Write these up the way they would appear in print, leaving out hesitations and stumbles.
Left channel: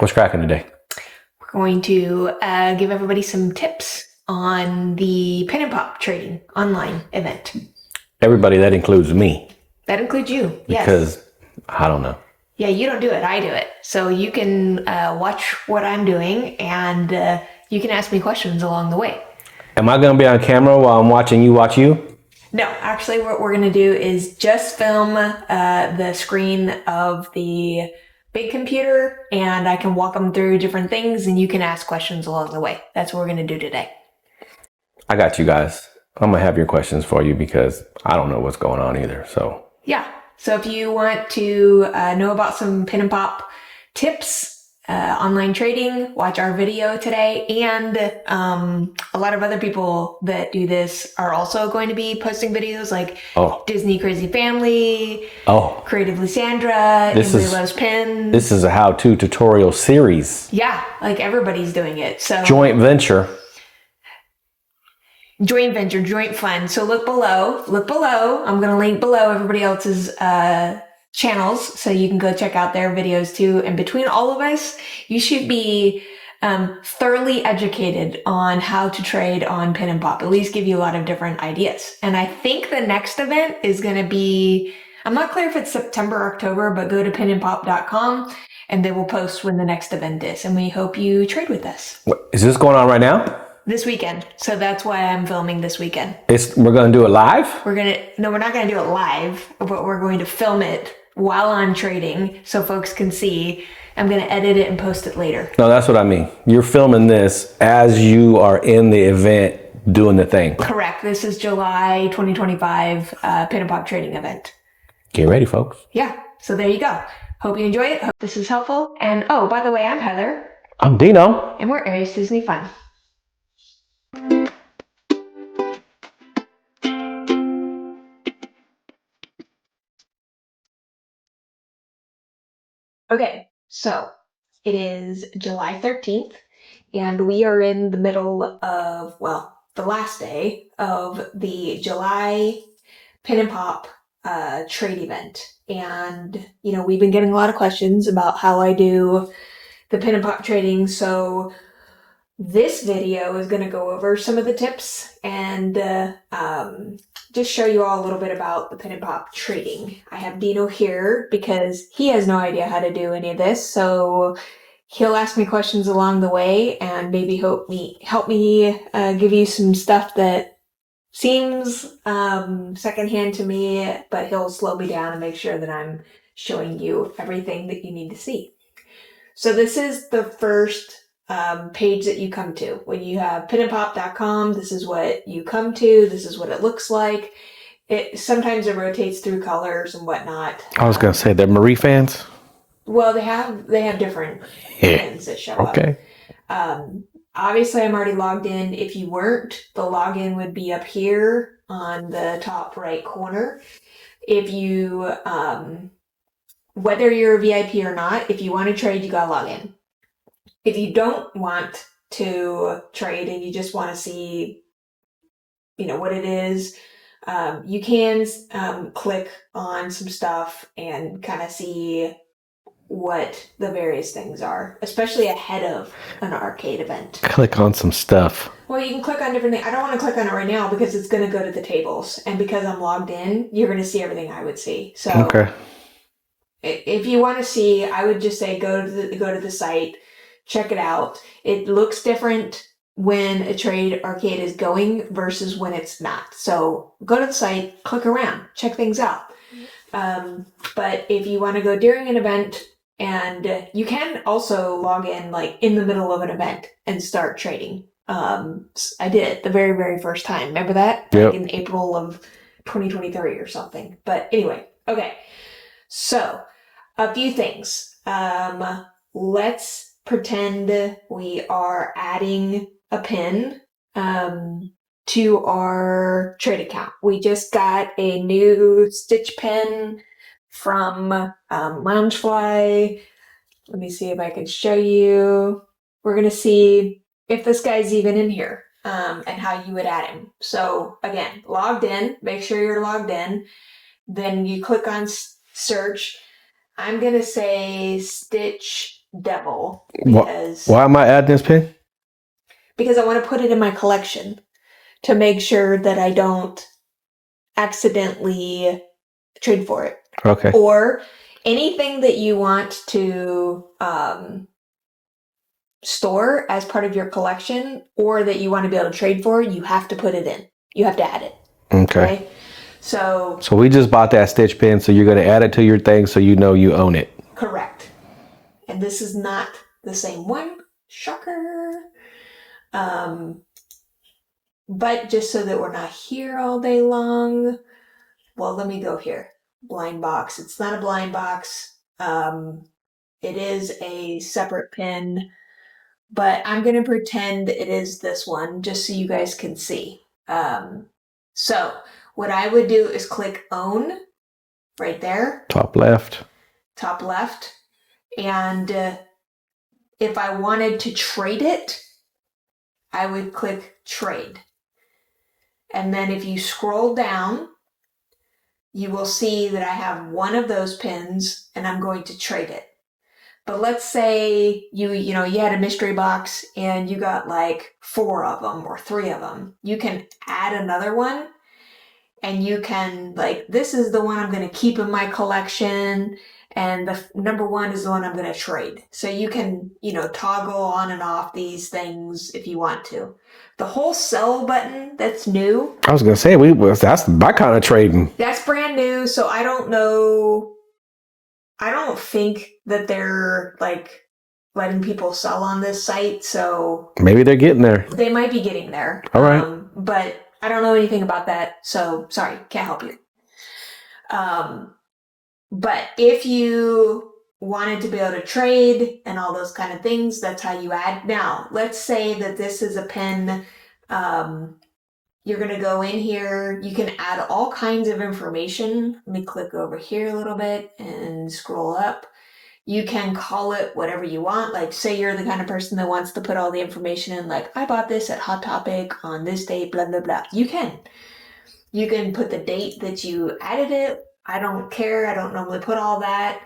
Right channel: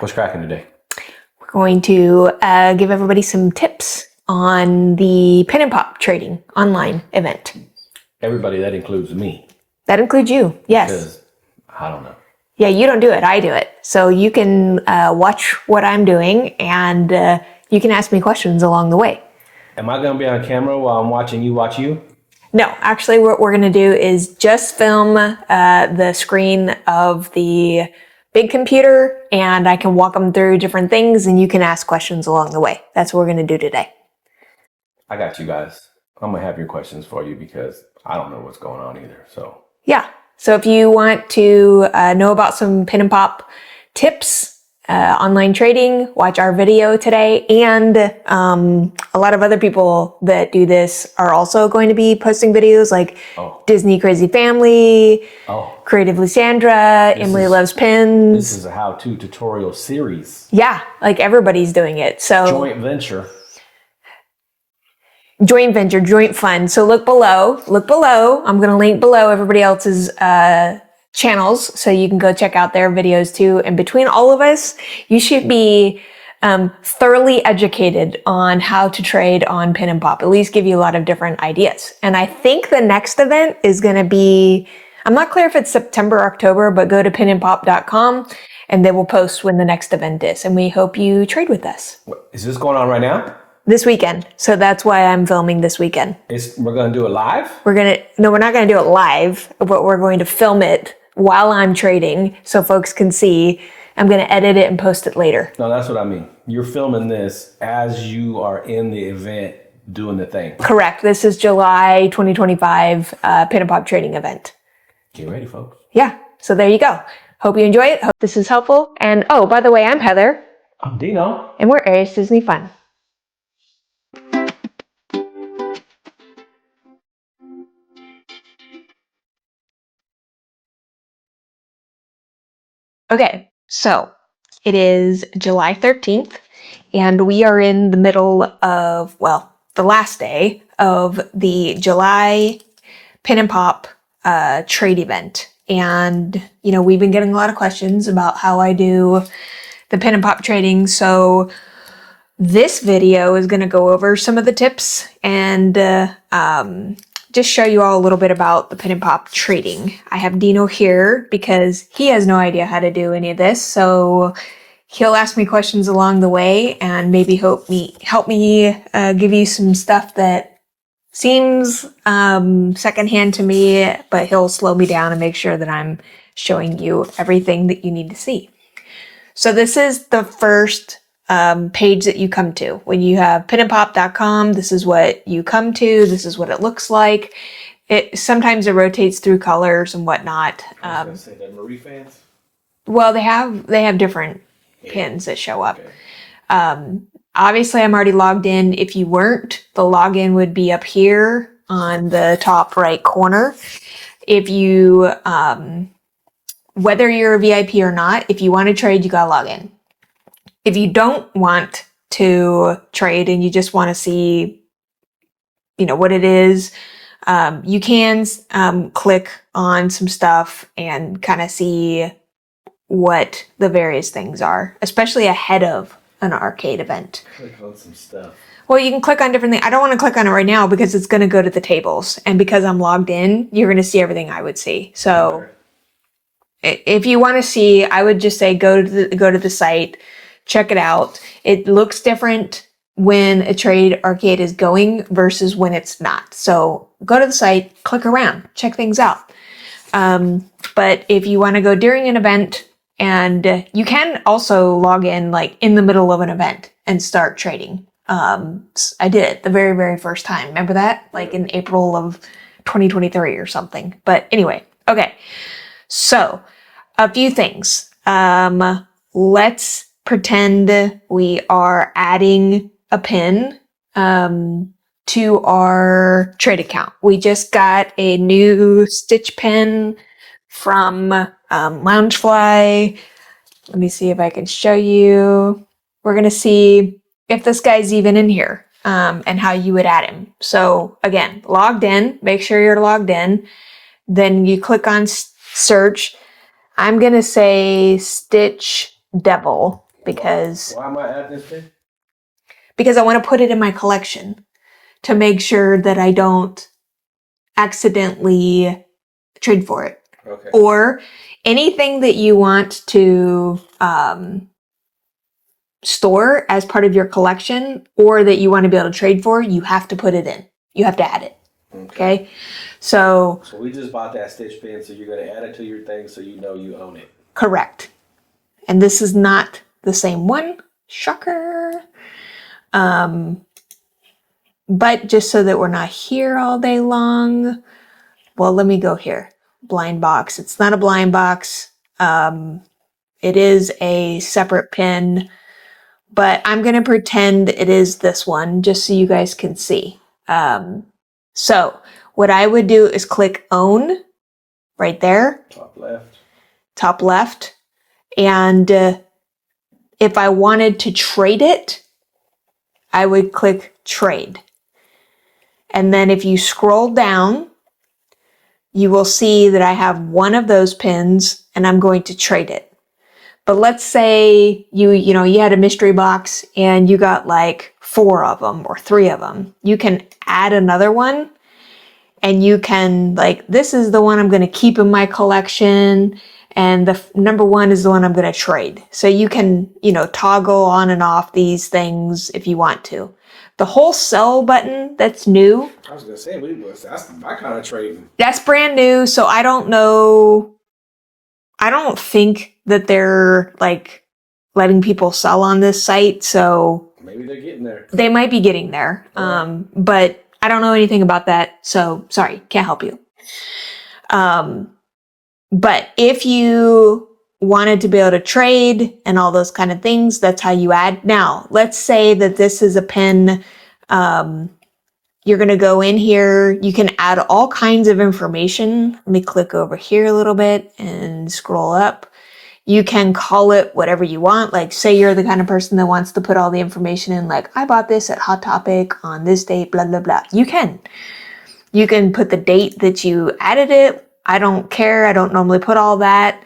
What's cracking today? We're going to give everybody some tips on the Pin and Pop trading online event. Everybody, that includes me. That includes you, yes. Because I don't know. Yeah, you don't do it, I do it. So you can watch what I'm doing and you can ask me questions along the way. Am I going to be on camera while I'm watching you watch you? No, actually what we're going to do is just film the screen of the big computer and I can walk them through different things and you can ask questions along the way. That's what we're going to do today. I got you guys. I'm going to have your questions for you because I don't know what's going on either. So yeah. So if you want to know about some Pin and Pop tips, online trading, watch our video today. And a lot of other people that do this are also going to be posting videos like Disney Crazy Family, Creative Lysandra, Emily Loves Pins. This is a how-to tutorial series. Yeah, like everybody's doing it. So joint venture, joint fund. So look below. I'm going to link below everybody else's channels so you can go check out their videos too. And between all of us, you should be thoroughly educated on how to trade on Pin and Pop, at least give you a lot of different ideas. And I think the next event is going to be, I'm not clear if it's September, October, but go to pinandpop.com and they will post when the next event is. And we hope you trade with us. Is this going on right now? This weekend. So that's why I'm filming this weekend. We're going to do it live? We're not going to do it live, but we're going to film it while I'm trading so folks can see. I'm going to edit it and post it later. No, that's what I mean. You're filming this as you are in the event doing the thing. Correct. This is July 2025 Pin and Pop trading event. Get ready, folks. Yeah. So there you go. Hope you enjoy it. Hope this is helpful. And oh, by the way, I'm Heather. I'm Dino. And we're Aries Disney Fun. Okay, so it is July 13th, and we are in the middle of, well, the last day of the July Pin and Pop trade event. And, you know, we've been getting a lot of questions about how I do the Pin and Pop trading. So this video is going to go over some of the tips and just show you all a little bit about the Pin and Pop trading. I have Dino here because he has no idea how to do any of this. So he'll ask me questions along the way and maybe help me give you some stuff that seems secondhand to me, but he'll slow me down and make sure that I'm showing you everything that you need to see. So this is the first page that you come to. When you have pinandpop.com, this is what you come to. This is what it looks like. Sometimes it rotates through colors and whatnot. I was going to say they're Marie fans. Well, they have different pins that show up. Obviously, I'm already logged in. If you weren't, the login would be up here on the top right corner. If you, whether you're a VIP or not, if you want to trade, you gotta log in. If you don't want to trade and you just want to see, you know, what it is, you can click on some stuff and kind of see what the various things are, especially ahead of an arcade event. Click on some stuff. Well, you can click on different things. I don't want to click on it right now because it's going to go to the tables. And because I'm logged in, you're going to see everything I would see. So if you want to see, I would just say go to the site. Check it out. It looks different when a trade arcade is going versus when it's not. So go to the site, click around, check things out. But if you want to go during an event, and you can also log in like in the middle of an event and start trading. I did it the very, very first time. Remember that? Like in April of 2023 or something. But anyway, okay. So a few things. Let's pretend we are adding a pin to our trade account. We just got a new Stitch pin from Loungefly. Let me see if I can show you. We're going to see if this guy's even in here and how you would add him. So again, logged in, make sure you're logged in. Then you click on search. I'm going to say Stitch devil because why am I adding this pin? Because I want to put it in my collection to make sure that I don't accidentally trade for it. Okay. Or anything that you want to store as part of your collection or that you want to be able to trade for, you have to put it in. You have to add it. Okay. So we just bought that Stitch pin, so you're going to add it to your thing so you know you own it. Correct. And this is not the same one. Shocker. But just so that we're not here all day long, well, let me go here. Blind box. It's not a blind box. It is a separate pin, but I'm going to pretend it is this one just so you guys can see. So what I would do is click own right there. Top left. Top left. And if I wanted to trade it, I would click trade. And then if you scroll down, you will see that I have one of those pins and I'm going to trade it. But let's say you had a mystery box and you got like 4 of them or 3 of them. You can add another one and you can this is the one I'm going to keep in my collection. And the number 1 is the one I'm going to trade. So you can, toggle on and off these things if you want to. The whole sell button, that's new. I was going to say, that's my kind of trading. That's brand new. So I don't know. I don't think that they're letting people sell on this site. So maybe they're getting there. They might be getting there. All right. But I don't know anything about that. So sorry, can't help you. But if you wanted to be able to trade and all those kind of things, that's how you add. Now, let's say that this is a pin. You're going to go in here. You can add all kinds of information. Let me click over here a little bit and scroll up. You can call it whatever you want. Like say you're the kind of person that wants to put all the information in, like I bought this at Hot Topic on this date, blah, blah, blah. You can put the date that you added it. I don't care. I don't normally put all that.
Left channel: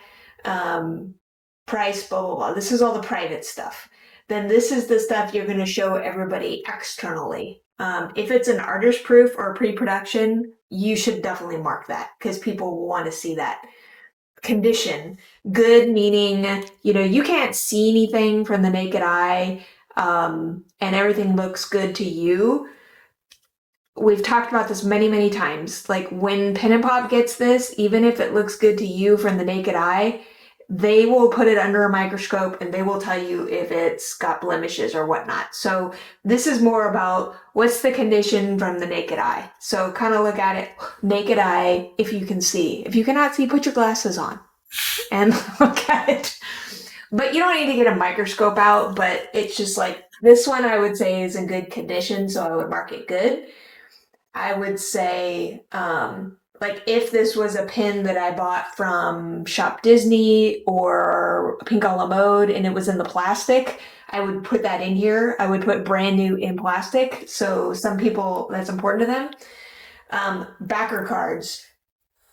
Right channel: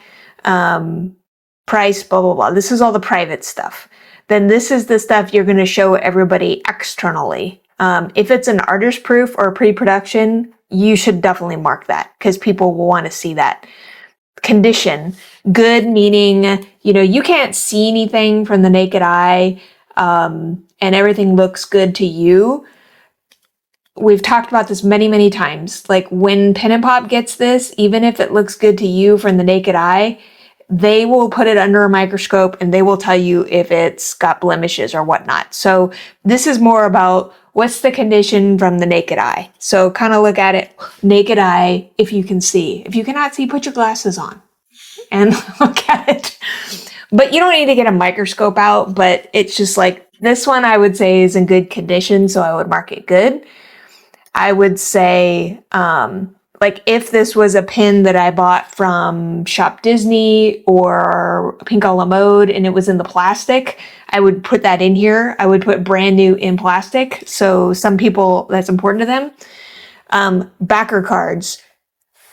Price, blah, blah, blah. This is all the private stuff. Then this is the stuff you're going to show everybody externally. If it's an artist proof or pre-production, you should definitely mark that because people will want to see that. Condition, good meaning, you can't see anything from the naked eye, and everything looks good to you. We've talked about this many, many times. Like when Pen and Pop gets this, even if it looks good to you from the naked eye, they will put it under a microscope and they will tell you if it's got blemishes or whatnot. So this is more about what's the condition from the naked eye. So kind of look at it naked eye if you can see. If you cannot see, put your glasses on and look at it. But you don't need to get a microscope out, but it's just like this one I would say is in good condition, so I would mark it good. I would say, if this was a pin that I bought from Shop Disney or Pink a la Mode and it was in the plastic, I would put that in here. I would put brand new in plastic. So some people, that's important to them. Backer cards.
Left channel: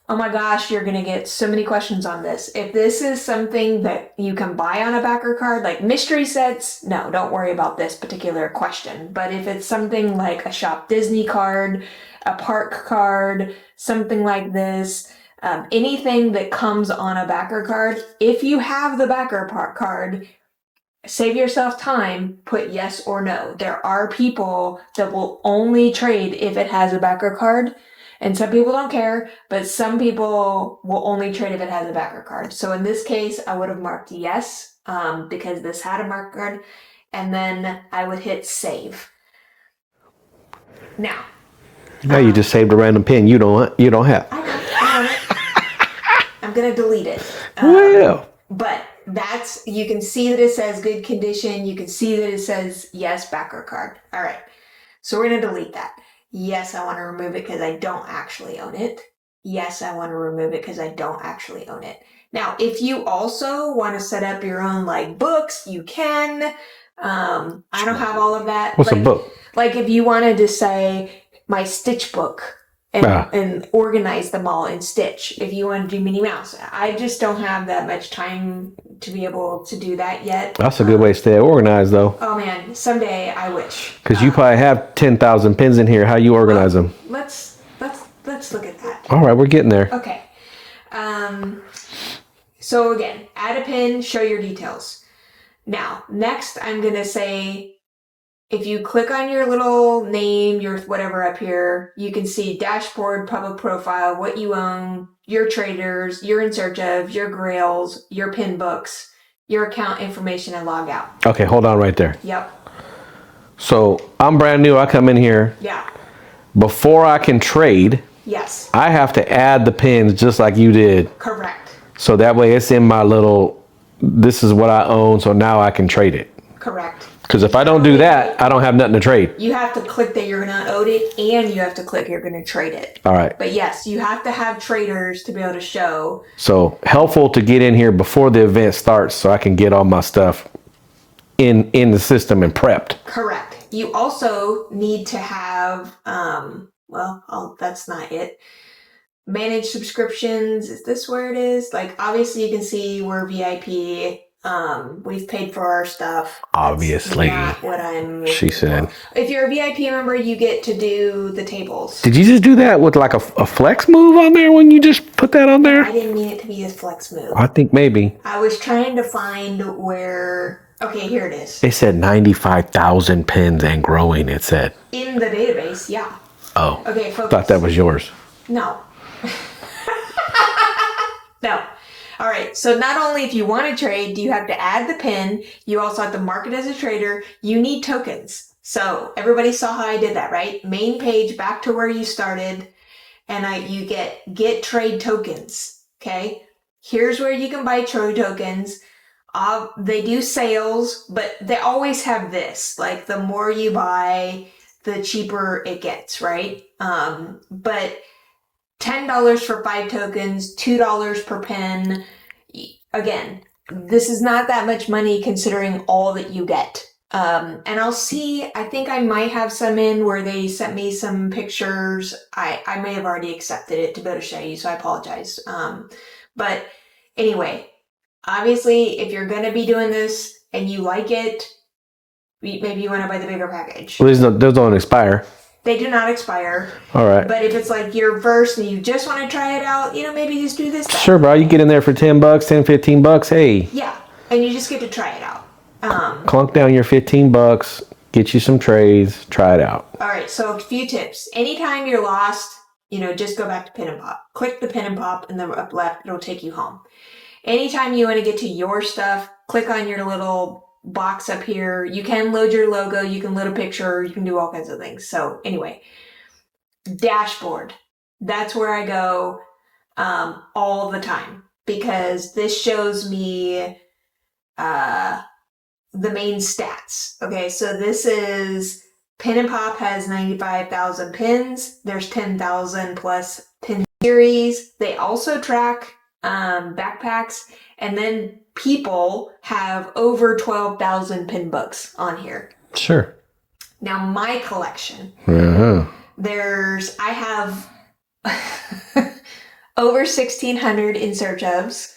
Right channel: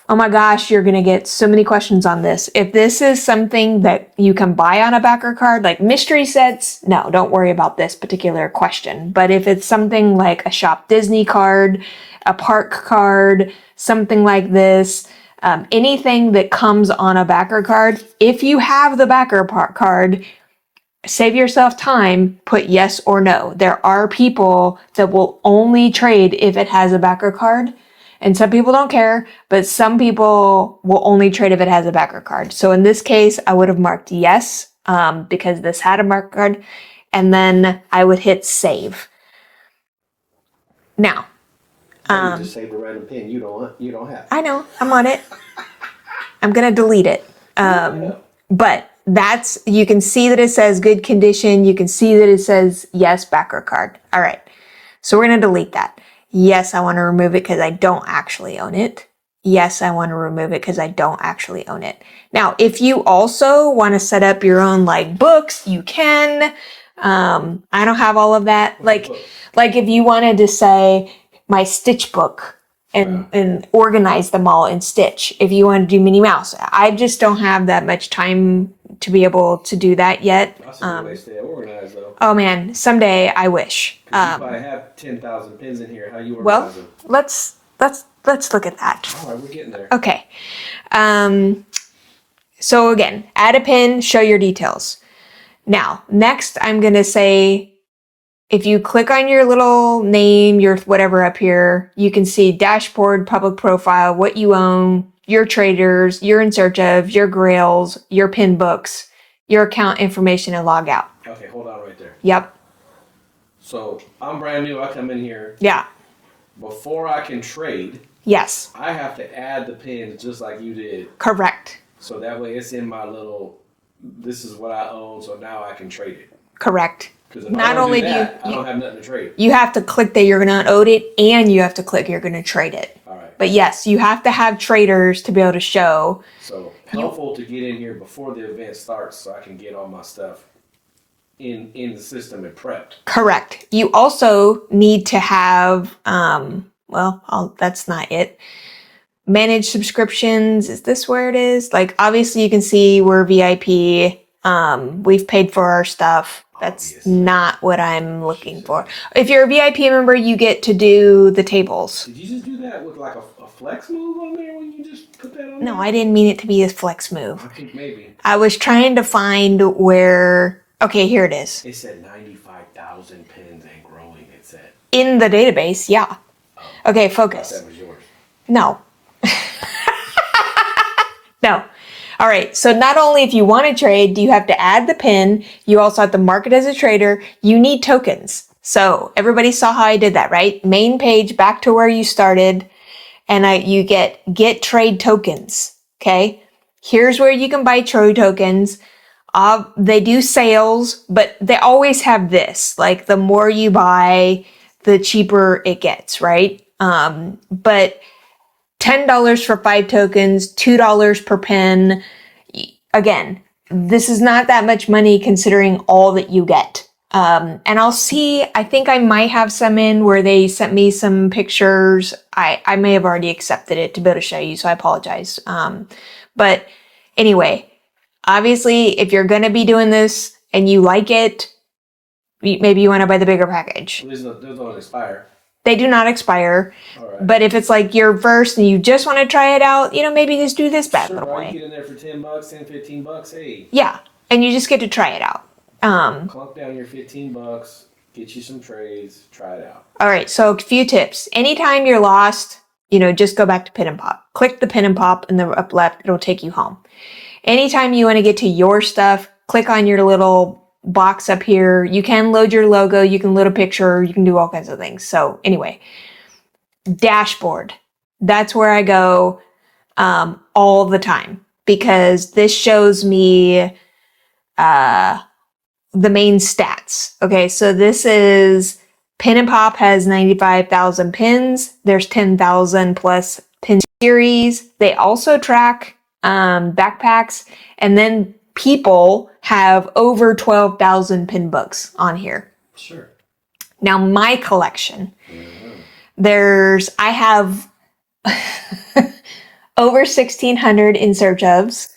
Oh my gosh, you're going to get so many questions on this. If this is something that you can buy on a backer card, like mystery sets, no, don't worry about this particular question. But if it's something like a Shop Disney card, a park card, something like this, anything that comes on a backer card, if you have the backer card, save yourself time, put yes or no. There are people that will only trade if it has a backer card. And some people don't care, but some people will only trade if it has a backer card. So in this case, I would have marked yes, because this had a backer card, and then I would hit save. Now you just saved a random pin you don't have. I know, I'm on it. I'm gonna delete it. But you can see that it says good condition. You can see that it says yes, backer card. All right, so we're gonna delete that. Yes, I want to remove it because I don't actually own it. Yes, I want to remove it because I don't actually own it. Now, if you also want to set up your own books, you can. I don't have all of that. What's a book? Like if you wanted to say my Stitch book and organize them all in Stitch. If you want to do Minnie Mouse, I just don't have that much time to be able to do that yet. That's a good way to stay organized, though. Oh man, someday I wish. Because you probably have 10,000 pins in here. How you organize them? Let's look at that. All right, we're getting there. Okay. So again, add a pin, show your details. Now, next I'm going to say, if you click on your little name, your whatever up here, you can see dashboard, public profile, what you own, your traders, you're in search of, your grails, your pin books, your account information, and log out. Okay, hold on right there. Yep. So I'm brand new. I come in here. Yeah. Before I can trade, Yes. I have to add the pins just like you did. Correct. So that way it's in my little, this is what I own, so now I can trade it. Correct. Because if I don't do that, I don't have nothing to trade. You have to click that you're going to own it, and you have to click you're going to trade it. All right. But yes, you have to have traders to be able to show. So helpful to get in here before the event starts so I can get all my stuff in the system and prepped. Correct. You also need to have, that's not it. Manage subscriptions. Is this where it is? Like, obviously you can see we're VIP. We've paid for our stuff. Obviously. That's not what I'm looking She said. for. If you're a VIP member, you get to do the tables. Did you just do that with like a flex move on there when you just put that on there? No, I didn't mean it to be a flex move. I think maybe. I was trying to find where, okay, here it is. It said 95,000 pins and growing, it said. In the database, yeah. Oh. Okay, I focus. thought that was yours. No. No. All right. So not only if you want to trade, do you have to add the pin, you also have to mark it as a trader. You need tokens. So everybody saw how I did that, right? Main page, back to where you started, and you get trade tokens. Okay. Here's where you can buy trade tokens. They do sales, but they always have this, like the more you buy, the cheaper it gets, right? But $10 for 5 tokens, $2 per pin. Again, this is not that much money considering all that you get. And I'll see, I think I might have some in where they sent me some pictures. I may have already accepted it to be able to show you, so I apologize. But anyway, obviously, if you're going to be doing this and you like it, maybe you want to buy the bigger package. Well, those don't expire. They do not expire. All right. But if it's like your first and you just want to try it out, maybe just do this back. Sure, bro. You get in there for $10, $10, $15. Hey. Yeah. And you just get to try it out. Clunk down your $15, get you some trades, try it out. All right. So a few tips. Anytime you're lost, just go back to Pin and Pop. Click the Pin and Pop in the up left. It'll take you home. Anytime you want to get to your stuff, click on your little box up here. You can load your logo, you can load a picture, you can do all kinds of things. So anyway, dashboard. That's where I go all the time because this shows me the main stats. Okay, so this is Pin and Pop has 95,000 pins. There's 10,000 plus pin series. They also track backpacks, and then people have over 12,000 pin books on here. Sure. Now my collection, Uh-huh. I have over 1,600 in search ofs.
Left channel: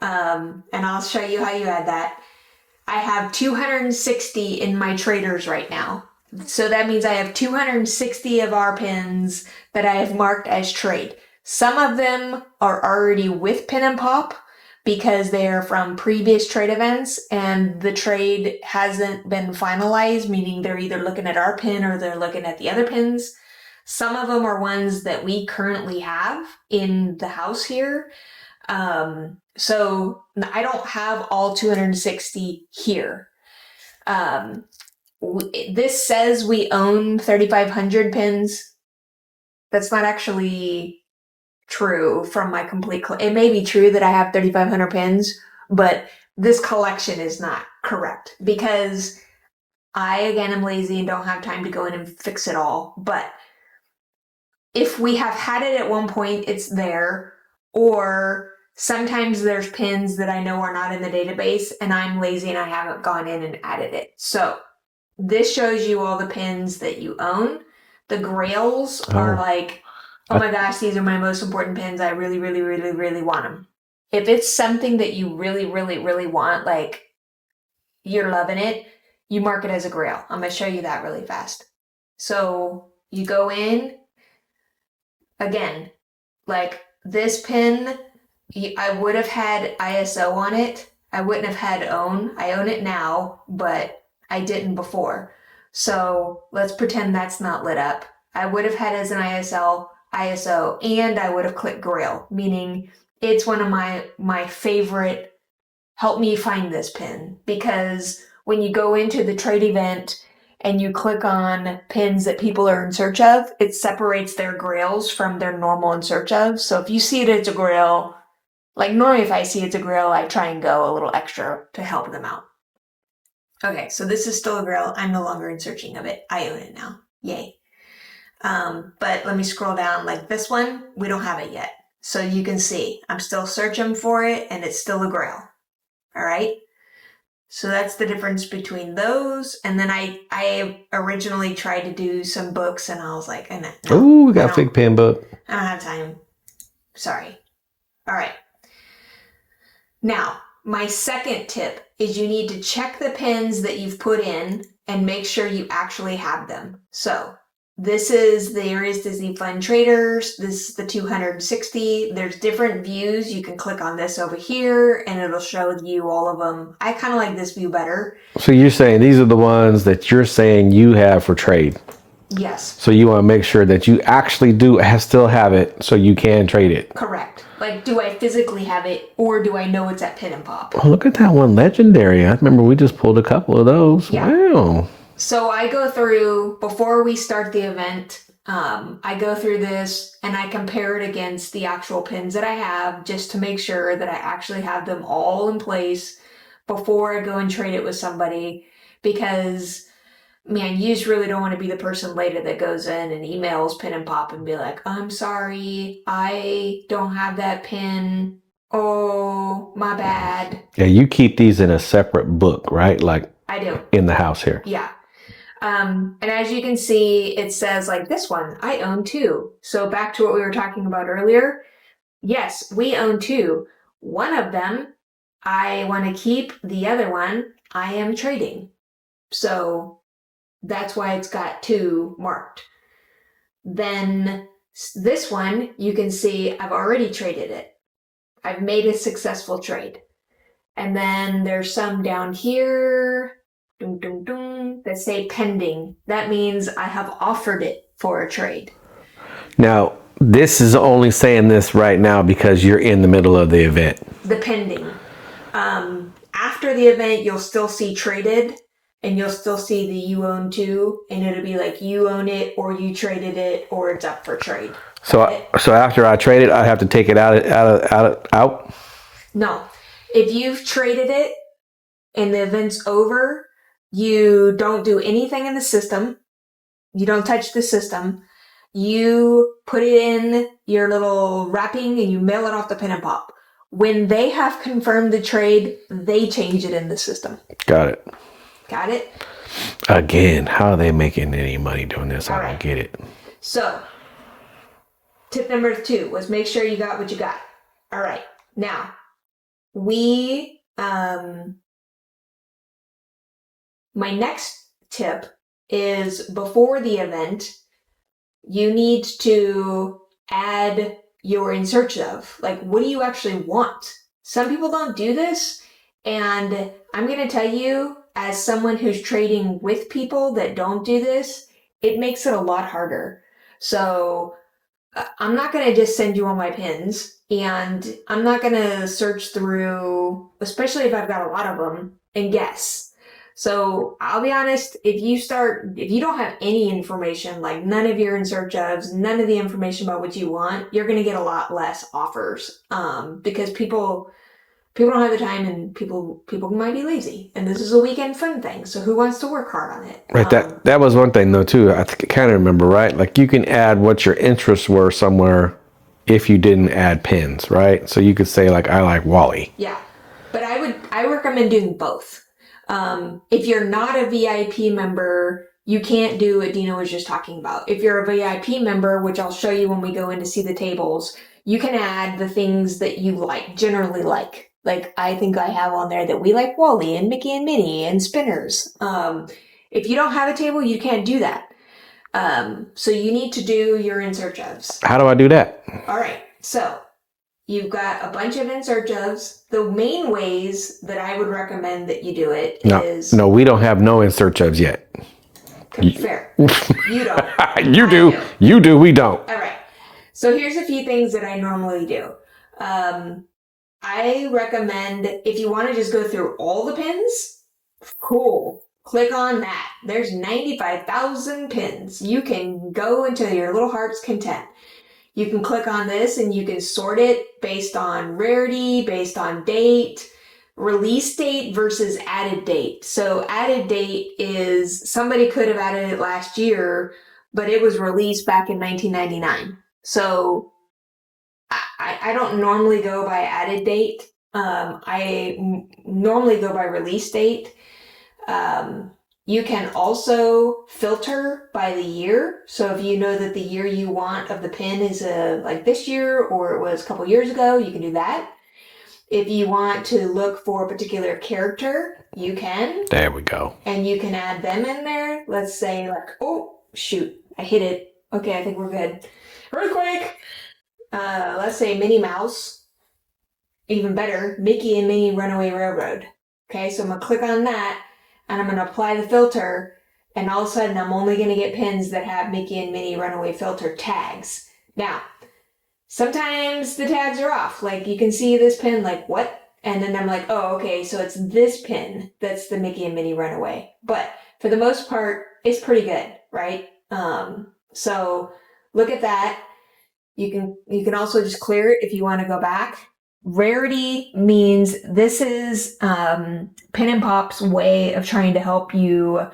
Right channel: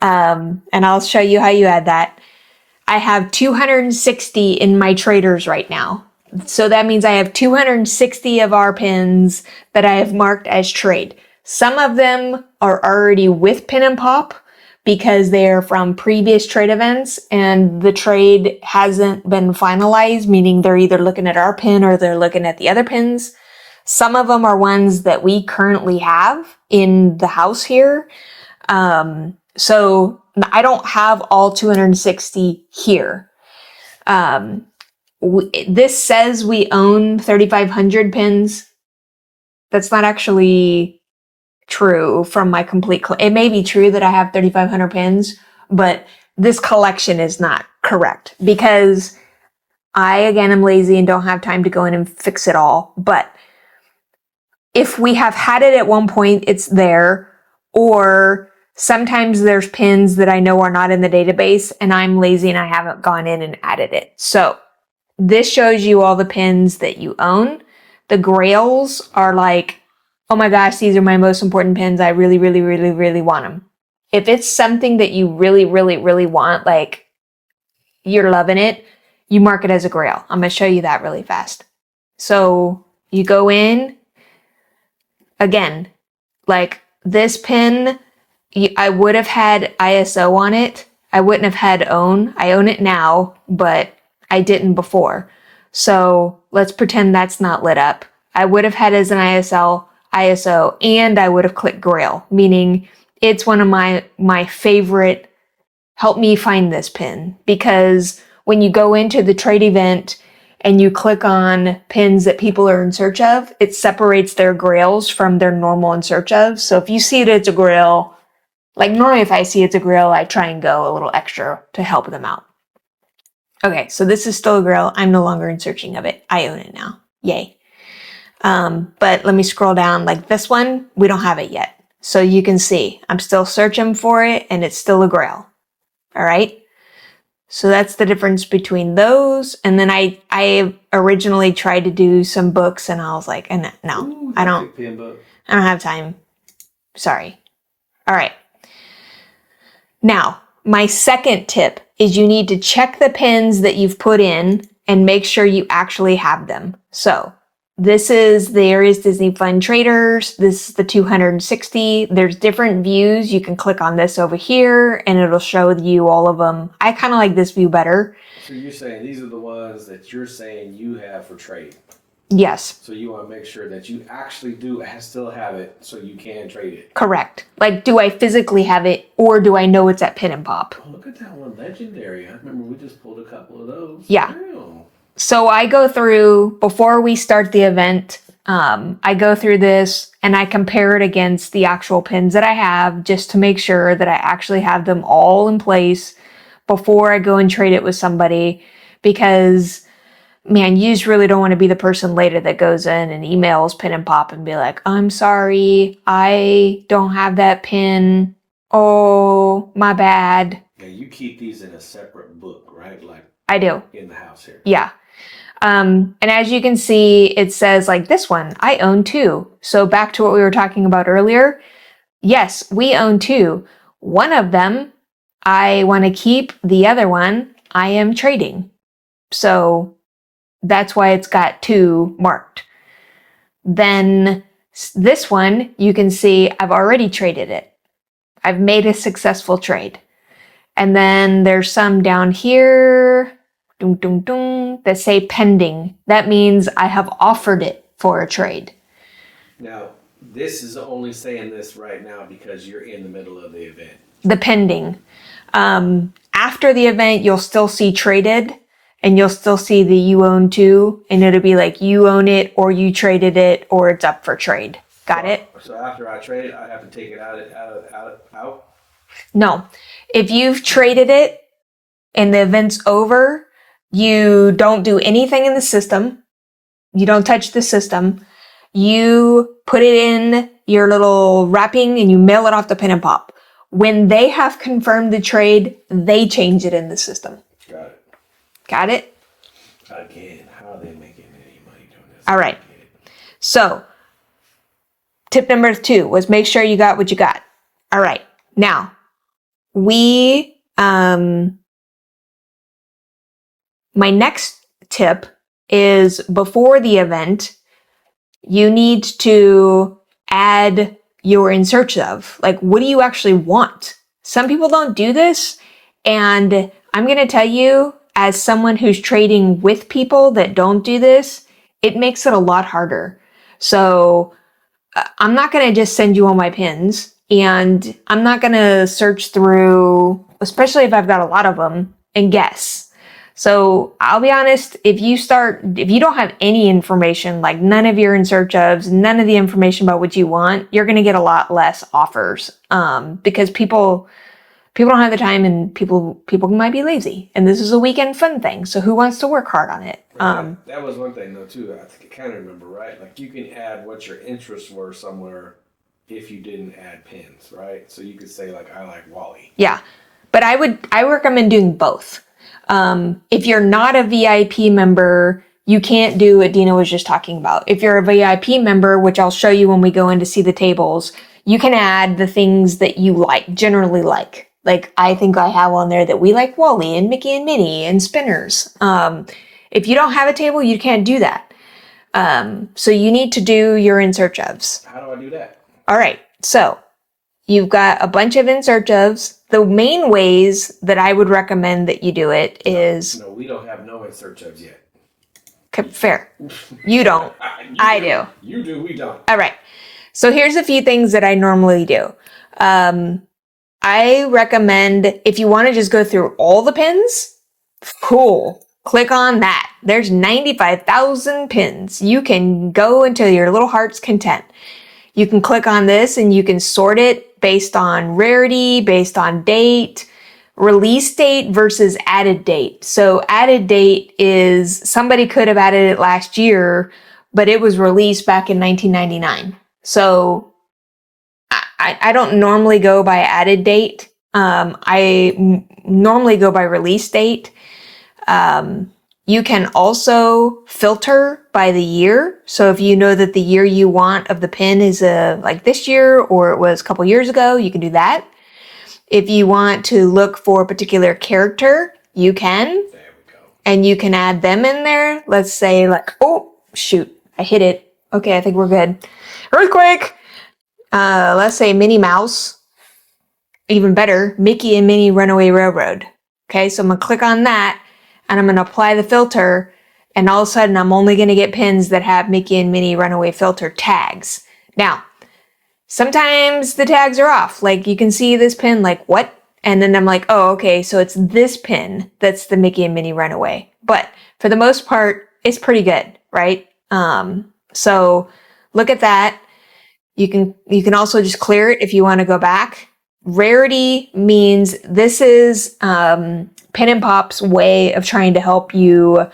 And I'll show you how you add that. I have 260 in my traders right now. So that means I have 260 of our pins that I have marked as trade. Some of them are already with Pin and Pop because they are from previous trade events and the trade hasn't been finalized, meaning they're either looking at our pin or they're looking at the other pins. Some of them are ones that we currently have in the house here. So I don't have all 260 here. This says we own 3,500 pins. That's not actually true from my complete. It may be true that I have 3,500 pins, but this collection is not correct because I, again, am lazy and don't have time to go in and fix it all. But if we have had it at one point, it's there, or sometimes there's pins that I know are not in the database and I'm lazy and I haven't gone in and added it. So this shows you all the pins that you own. The grails are like, oh my gosh, these are my most important pins. I really, really, really, really want them. if it's something that you really, really, really want, like you're loving it, you mark it as a grail. I'm going to show you that really fast. So you go in, again, like this pin, I would have had ISO on it. I wouldn't have had own. I own it now, but I didn't before. So let's pretend that's not lit up. I would have had as an ISO, and I would have clicked grail, meaning it's one of my favorite help me find this pin, because when you go into the trade event and you click on pins that people are in search of, it separates their grails from their normal in search of. So if you see that it's a grail, like normally if I see it's a grail, I try and go a little extra to help them out. Okay, so this is still a grail. I'm no longer in searching of it. I own it now. Yay. But let me scroll down. Like this one, we don't have it yet. So you can see I'm still searching for it and it's still a grail. All right. So that's the difference between those. And then I originally tried to do some books and I was like, no, Ooh, we got a big pin book. I don't have time. Sorry. All right. Now, my second tip is you need to check the pins that you've put in and make sure you actually have them. So this is the Aries Disney Fun Traders. This is the 260. There's different views. You can click on this over here and it'll show you all of them. I kind of like this view better. So you're saying these are the ones that you're saying you have for trade? Yes. So you want to make sure that you actually still have it so you can trade it. Correct. Like, do I physically have it or do I know it's at Pin and Pop? Oh, look at that one, legendary. I remember we just pulled a couple of those. Yeah. Wow. So I go through, before we start the event, I go through this and I compare it against the actual pins that I have just to make sure that I actually have them all in place before I go and trade it with somebody, because man, you just really don't want to be the person later that goes in and emails Pin and Pop and be like, I'm sorry, I don't have that pin. Oh, my bad. Yeah, you keep these in a separate book, right? Like I do. In the house here. Yeah. And as you can see, it says like this one, I own two. So back to what we were talking about earlier. Yes, we own two. One of them, I want to keep. The other one, I am trading. So that's why it's got two marked. Then this one, you can see I've already traded it. I've made a successful trade. And then there's some down here that say pending. That means I have offered it for a trade. Now, this is only saying this right now because you're in the middle of the event. The pending. After the event, you'll still see traded and you'll still see the you own two, and it'll be like you own it or you traded it or it's up for trade. Got it? So after I trade it, I have to take it out? No. If you've traded it and the event's over, you don't do anything in the system. You don't touch the system. You put it in your little wrapping and you mail it off to Pin and Pop. When they have confirmed the trade, they change it in the system. Got it. Got it? Again, how are they making any money doing this? All right. I don't get it. So, tip number 2 was make sure you got what you got. All right. Now, my next tip is before the event, you need to add your in search of. Like, what do you actually want? Some people don't do this. And I'm going to tell you, as someone who's trading with people that don't do this, it makes it a lot harder. So I'm not going to just send you all my pins, and I'm not going to search through, especially if I've got a lot of them, and guess. So I'll be honest, if you don't have any information, like none of your in search ofs, none of the information about what you want, you're going to get a lot less offers, because people don't have the time, and people might be lazy, and this is a weekend fun thing. So who wants to work hard on it? Right. That was one thing though too. I kind of remember, right? Like you can add what your interests were somewhere if you didn't add pins, right? So you could say like, I like Wally. Yeah. But I recommend doing both. If you're not a VIP member, you can't do what Dina was just talking about. If you're a VIP member, which I'll show you when we go in to see the tables, you can add the things that you like, generally like. Like I think I have on there that we like Wally and Mickey and Minnie and spinners. If you don't have a table, you can't do that. So you need to do your in search ofs. How do I do that? All right. So you've got a bunch of in search ofs. The main ways that I would recommend that you do it is... No, we don't have no in search ofs yet. Okay, fair. You don't. You do. You do. We don't. All right. So here's a few things that I normally do. I recommend if you want to just go through all the pins, cool. Click on that. There's 95,000 pins. You can go until your little heart's content. You can click on this and you can sort it based on rarity, based on date, release date versus added date. So added date is somebody could have added it last year, but it was released back in 1999. So I don't normally go by added date. I normally go by release date. You can also filter by the year. So if you know that the year you want of the pin is like this year or it was a couple years ago, you can do that. If you want to look for a particular character, you can. There we go. And you can add them in there. Let's say like, oh, shoot, I hit it. Okay, I think we're good. Earthquake! Let's say Minnie Mouse. Even better, Mickey and Minnie Runaway Railroad. Okay, so I'm going to click on that. And I'm going to apply the filter, and all of a sudden I'm only going to get pins that have Mickey and Minnie Runaway Filter tags. Now, sometimes the tags are off. Like you can see this pin, like what? And then I'm like, oh, okay, so it's this pin that's the Mickey and Minnie Runaway. But for the most part, it's pretty good, right? So look at that. You can also just clear it if you want to go back. Rarity means this is Pin and Pop's way of trying to help you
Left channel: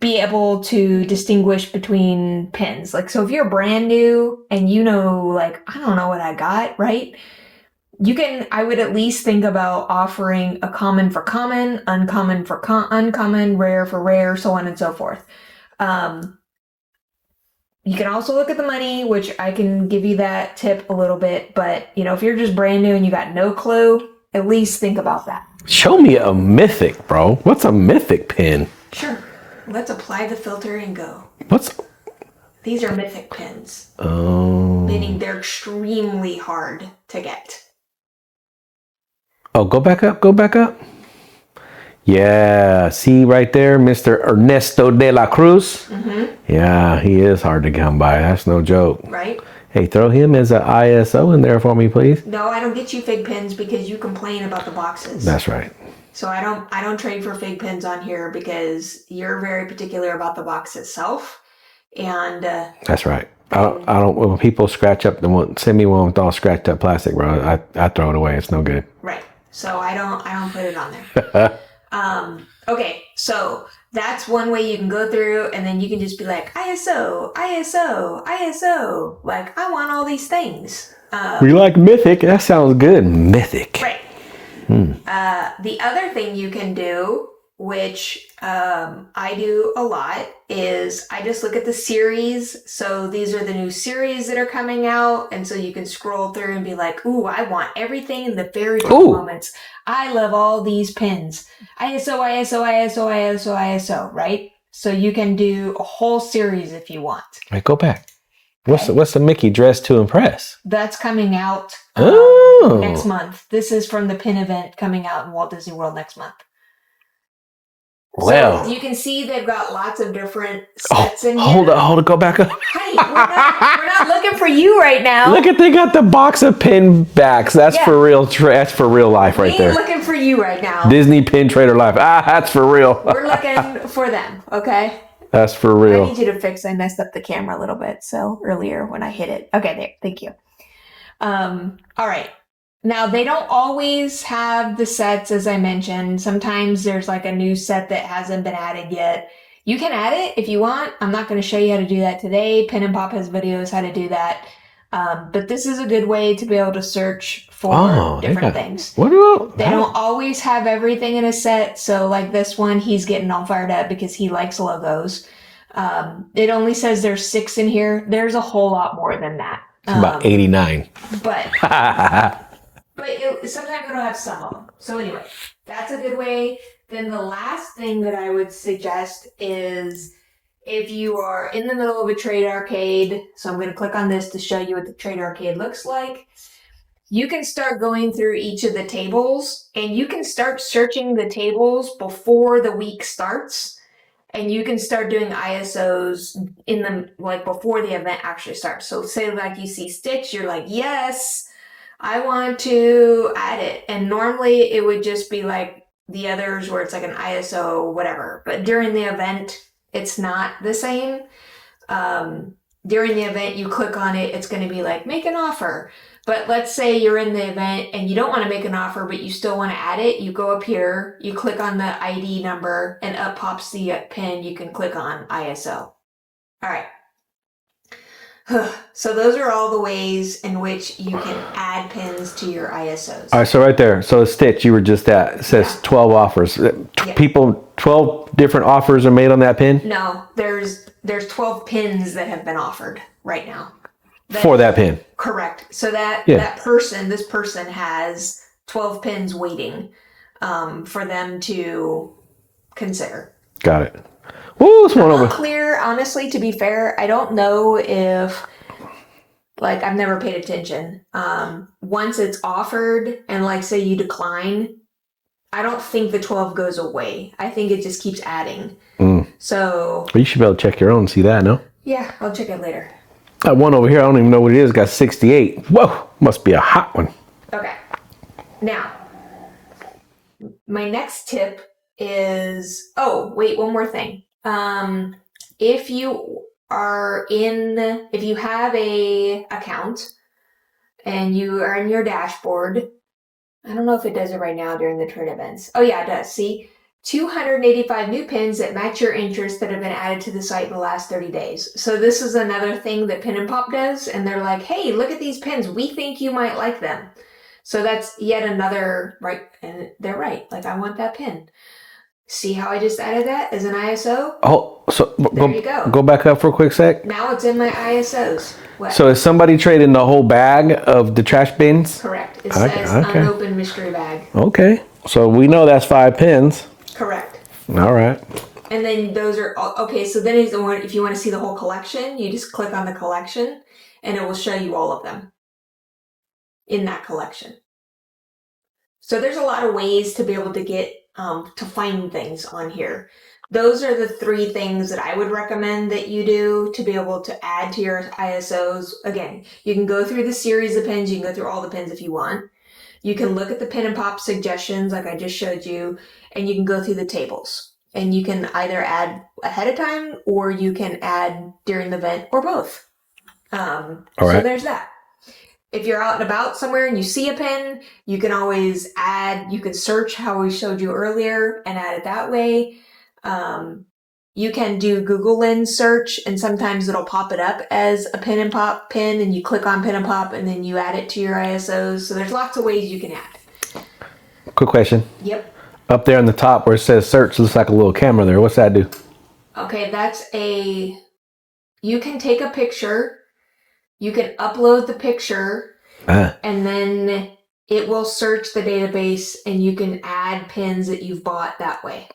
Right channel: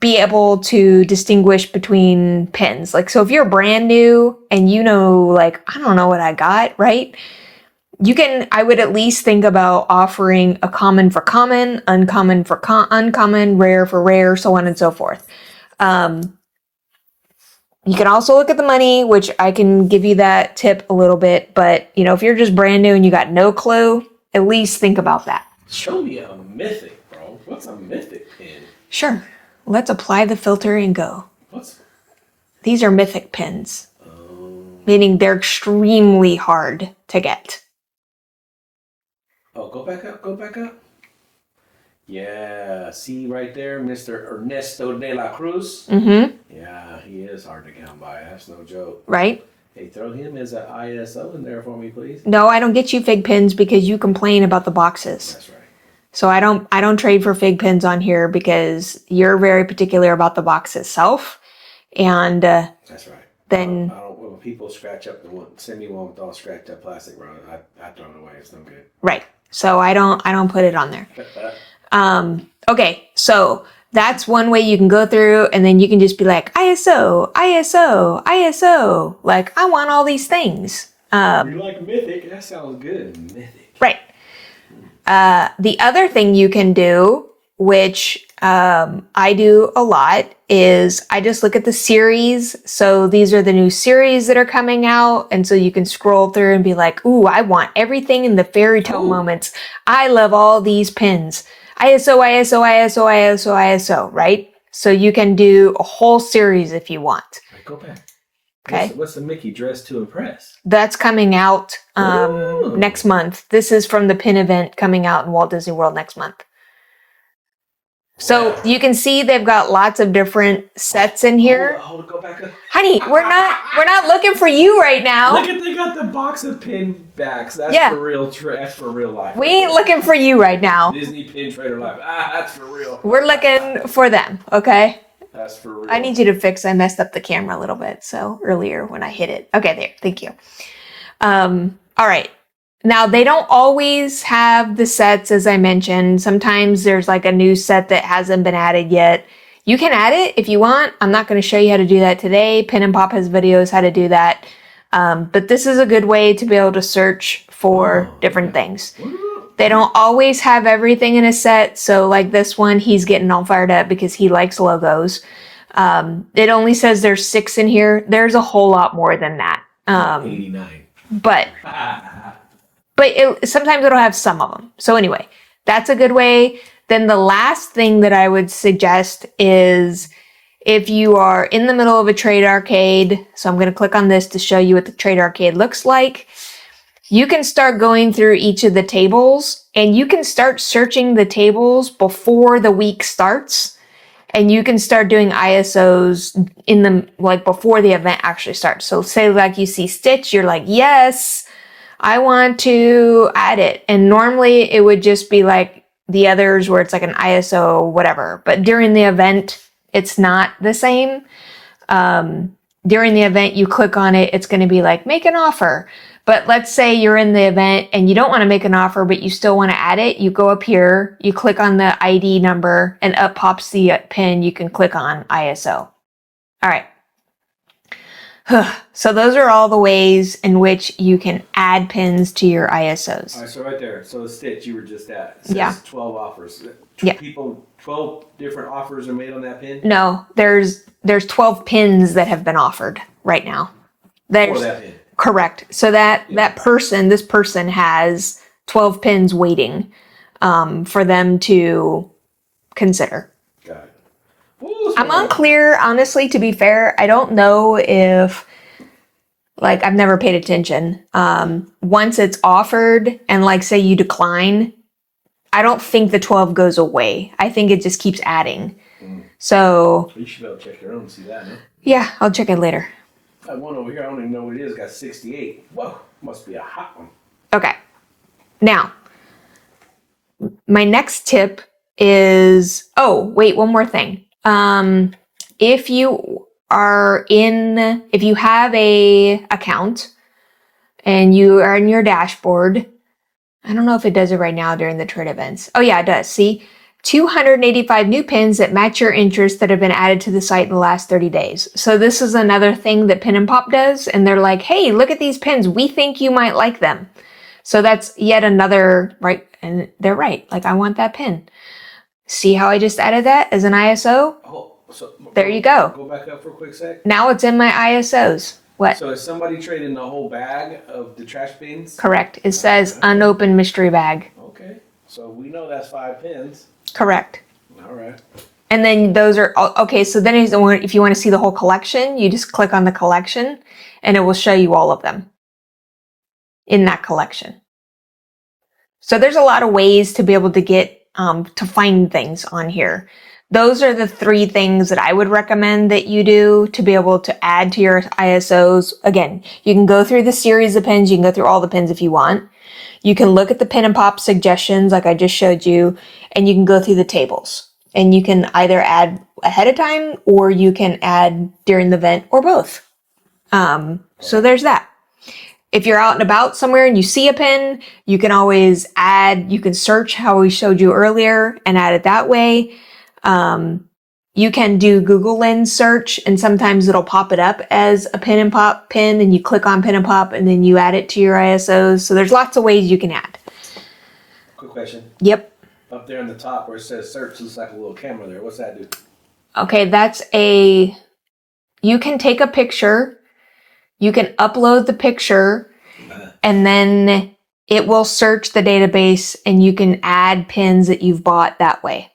be able to distinguish between pins. Like, so if you're brand new and you know, like, I don't know what I got, right? I would at least think about offering a common for common, uncommon for uncommon, rare for rare, so on and so forth. You can also look at the money, which I can give you that tip a little bit. But, if you're just brand new and you got no clue, at least think about that. Show me a mythic, bro. What's a mythic pin? Sure. Let's apply the filter and go. These are mythic pins. Oh. Meaning they're extremely hard to get. Oh, go back up. Yeah, see right there, Mr. Ernesto de la Cruz? Mm-hmm. Yeah, he is hard to come by. That's no joke. Right? Hey, throw him as an ISO in there for me, please. No, I don't get you fig pins because you complain about the boxes. That's right. So I don't trade for fig pins on here because you're very particular about the box itself. And that's right. I don't. When people scratch up send me one with all scratched up plastic, bro. I throw it away. It's no good. Right. So I don't put it on there. Okay, so that's one way you can go through, and then you can just be like, ISO, ISO, ISO. Like, I want all these things. We like mythic. That sounds good. Mythic. Right. The other thing you can do, which I do a lot, is I just look at the series. So these are the new series that are coming out. And so you can scroll through and be like, ooh, I want everything in the fairy tale moments. I love all these pins. ISO, ISO, ISO, ISO, ISO, right? So you can do a whole series if you want. Right, go back. What's the Mickey Dress to Impress? That's coming out next month. This is from the pin event coming out in Walt Disney World next month. So you can see they've got lots of different sets in here. Hold it, go back up. Honey, we're not looking for you right now. Look at, they got the box of pin backs. That's for real. That's for real life right there. We ain't looking for you right now. Disney Pin Trader Life. That's for real. We're looking for them, okay? That's for real. I need you to fix, I messed up the camera a little bit. So earlier when I hit it. Okay, there. Thank you. All right. Now, they don't always have the sets, as I mentioned. Sometimes there's like a new set that hasn't been added yet. You can add it if you want. I'm not going to show you how to do that today. Pin and Pop has videos how to do that. But this is a good way to be able to search for different things. They don't always have everything in a set. So like this one, he's getting all fired up because he likes logos. It only says there's 6 in here. There's a whole lot more than that. About 89. But sometimes it'll have some of them. So anyway, that's a good way. Then the last thing that I would suggest is if you are in the middle of a trade arcade, so I'm going to click on this to show you what the trade arcade looks like. You can start going through each of the tables and you can start searching the tables before the week starts. And you can start doing ISOs in the, like before the event actually starts. So say like you see Stitch, you're like, yes, I want to add it. And normally it would just be like the others where it's like an ISO, whatever. But during the event, it's not the same. During the event, you click on it, it's going to be like, make an offer. But let's say you're in the event and you don't want to make an offer, but you still want to add it. You go up here, you click on the ID number, and up pops the pin. You can click on ISO. All right. So those are all the ways in which you can add pins to your ISOs. All right, so right there. So Stitch, you were just at, it says 12 offers. Yeah. 12 different offers are made on that pin? No, there's 12 pins that have been offered right now. For that pin. Correct. So this person has 12 pins waiting for them to consider. Got it. Ooh, I'm unclear, honestly, to be fair. I don't know if, like, I've never paid attention. Once it's offered and, like, say you decline, I don't think the 12 goes away. I think it just keeps adding. So. Well, you should be able to check your own and see that, no? Yeah, I'll check it later. That one over here, I don't even know what it is. Got 68. Whoa, must be a hot one. Okay. Now, my next tip is, one more thing. If you have a account and you are in your dashboard, I don't know if it does it right now during the trade events. Oh yeah, it does. See, 285 new pins that match your interests that have been added to the site in the last 30 days. So this is another thing that Pin and Pop does. And they're like, hey, look at these pins. We think you might like them. So that's yet another, right? And they're right. Like, I want that pin. See how I just added that as an ISO? Oh, so there you go. Go back up for a quick sec. Now it's in my ISOs. What? So is somebody trading the whole bag of the trash bins? Correct. It says unopened mystery bag. Okay. So we know that's 5 pins. Correct. All right. And then those are, okay, so then if you want to see the whole collection, you just click on the collection and it will show you all of them in that collection. So there's a lot of ways to be able to get, to find things on here. Those are the 3 things that I would recommend that you do to be able to add to your ISOs. Again, you can go through the series of pins. You can go through all the pins if you want. You can look at the Pin and Pop suggestions like I just showed you, and you can go through the tables. And you can either add ahead of time or you can add during the event or both. So there's that. If you're out and about somewhere and you see a pin, you can always add, you can search how we showed you earlier and add it that way. You can do Google Lens search and sometimes it'll pop it up as a Pin and Pop pin and you click on Pin and Pop and then you add it to your ISOs. So there's lots of ways you can add. Quick question. Yep. Up there on the top where it says search, looks like a little camera there. What's that do? Okay, you can take a picture, you can upload the picture, and then it will search the database and you can add pins that you've bought that way.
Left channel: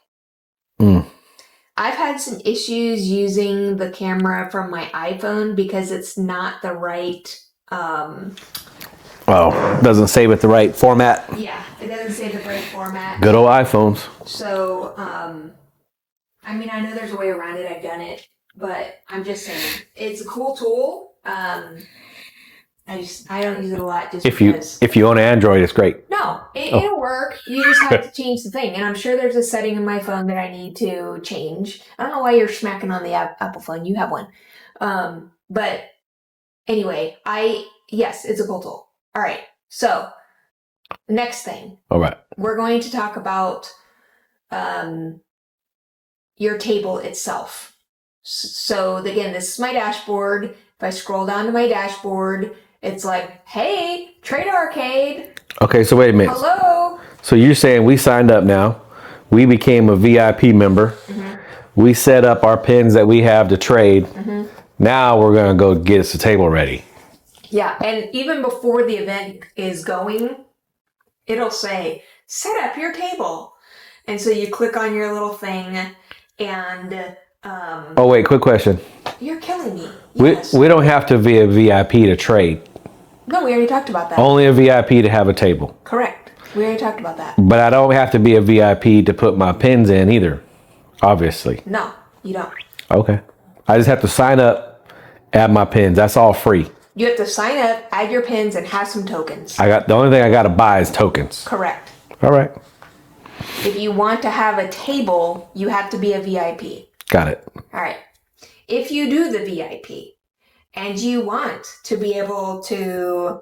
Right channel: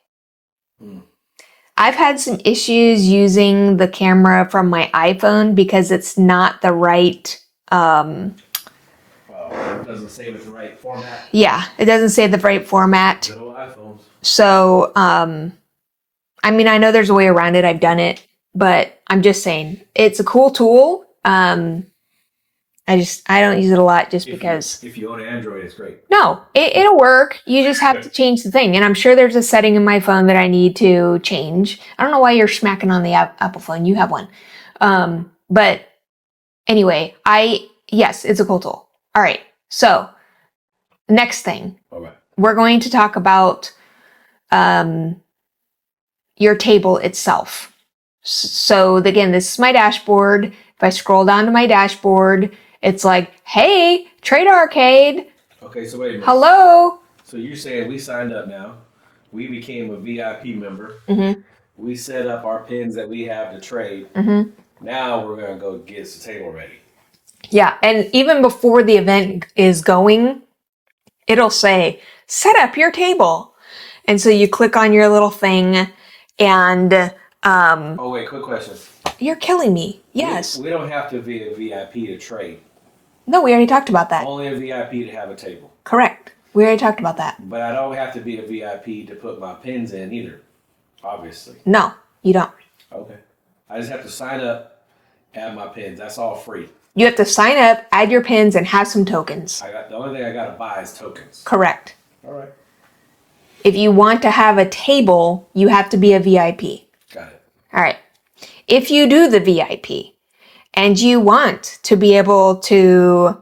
I've had some issues using the camera from my iPhone because it's not the right, doesn't save it the right format. Yeah, it doesn't save the right format. Good old iPhones. So, I mean, I know there's a way around it. I've done it, but I'm just saying it's a cool tool. I don't use it a lot just because. If you own Android, it's great. No, it'll work. You just have to change the thing. And I'm sure there's a setting in my phone that I need to change. I don't know why you're smacking on the Apple phone. You have one. But anyway, yes, it's a cool tool. All right. So next thing. All right. We're going to talk about your table itself. So again, this is my dashboard. If I scroll down to my dashboard, it's like, hey, Trade Arcade. Okay, so wait a minute. Hello. So you're saying we signed up now. We became a VIP member. Mm-hmm. We set up our pins that we have to trade. Mm-hmm. Now we're going to go get us a table ready. Yeah, and even before the event is going, it'll say, set up your table. And so you click on your little thing and Oh, wait, quick question. you're killing me. Yes. We don't have to be a VIP to trade. No, we already talked about that. Only a VIP to have a table. Correct. We already talked about that. But I don't have to be a VIP to put my pins in either, obviously. No, you don't. Okay. I just have to sign up, add my pins. That's all free. You have to sign up, add your pins, and have some tokens. The only thing I got to buy is tokens. Correct. All right. If you want to have a table, you have to be a VIP. Got it. All right. If you do the VIP and you want to be able to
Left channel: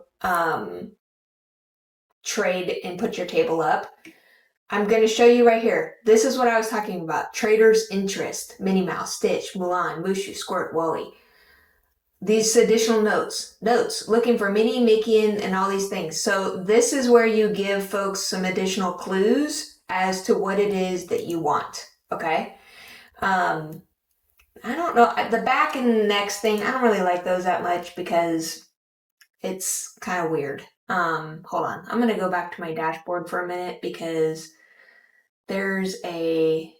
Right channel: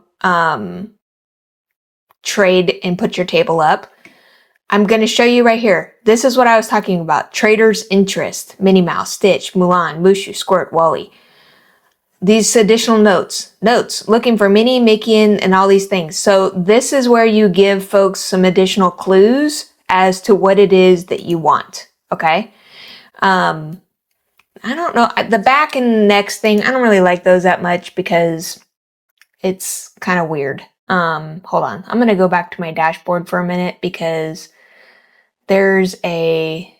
trade and put your table up, I'm going to show you right here. This is what I was talking about. Trader's Interest, Minnie Mouse, Stitch, Mulan, Mushu, Squirt, Wally. These additional notes, looking for Minnie, Mickey, and all these things. So this is where you give folks some additional clues as to what it is that you want. Okay. I don't know. The back and next thing, I don't really like those that much because it's kind of weird. Hold on. I'm going to go back to my dashboard for a minute because there's a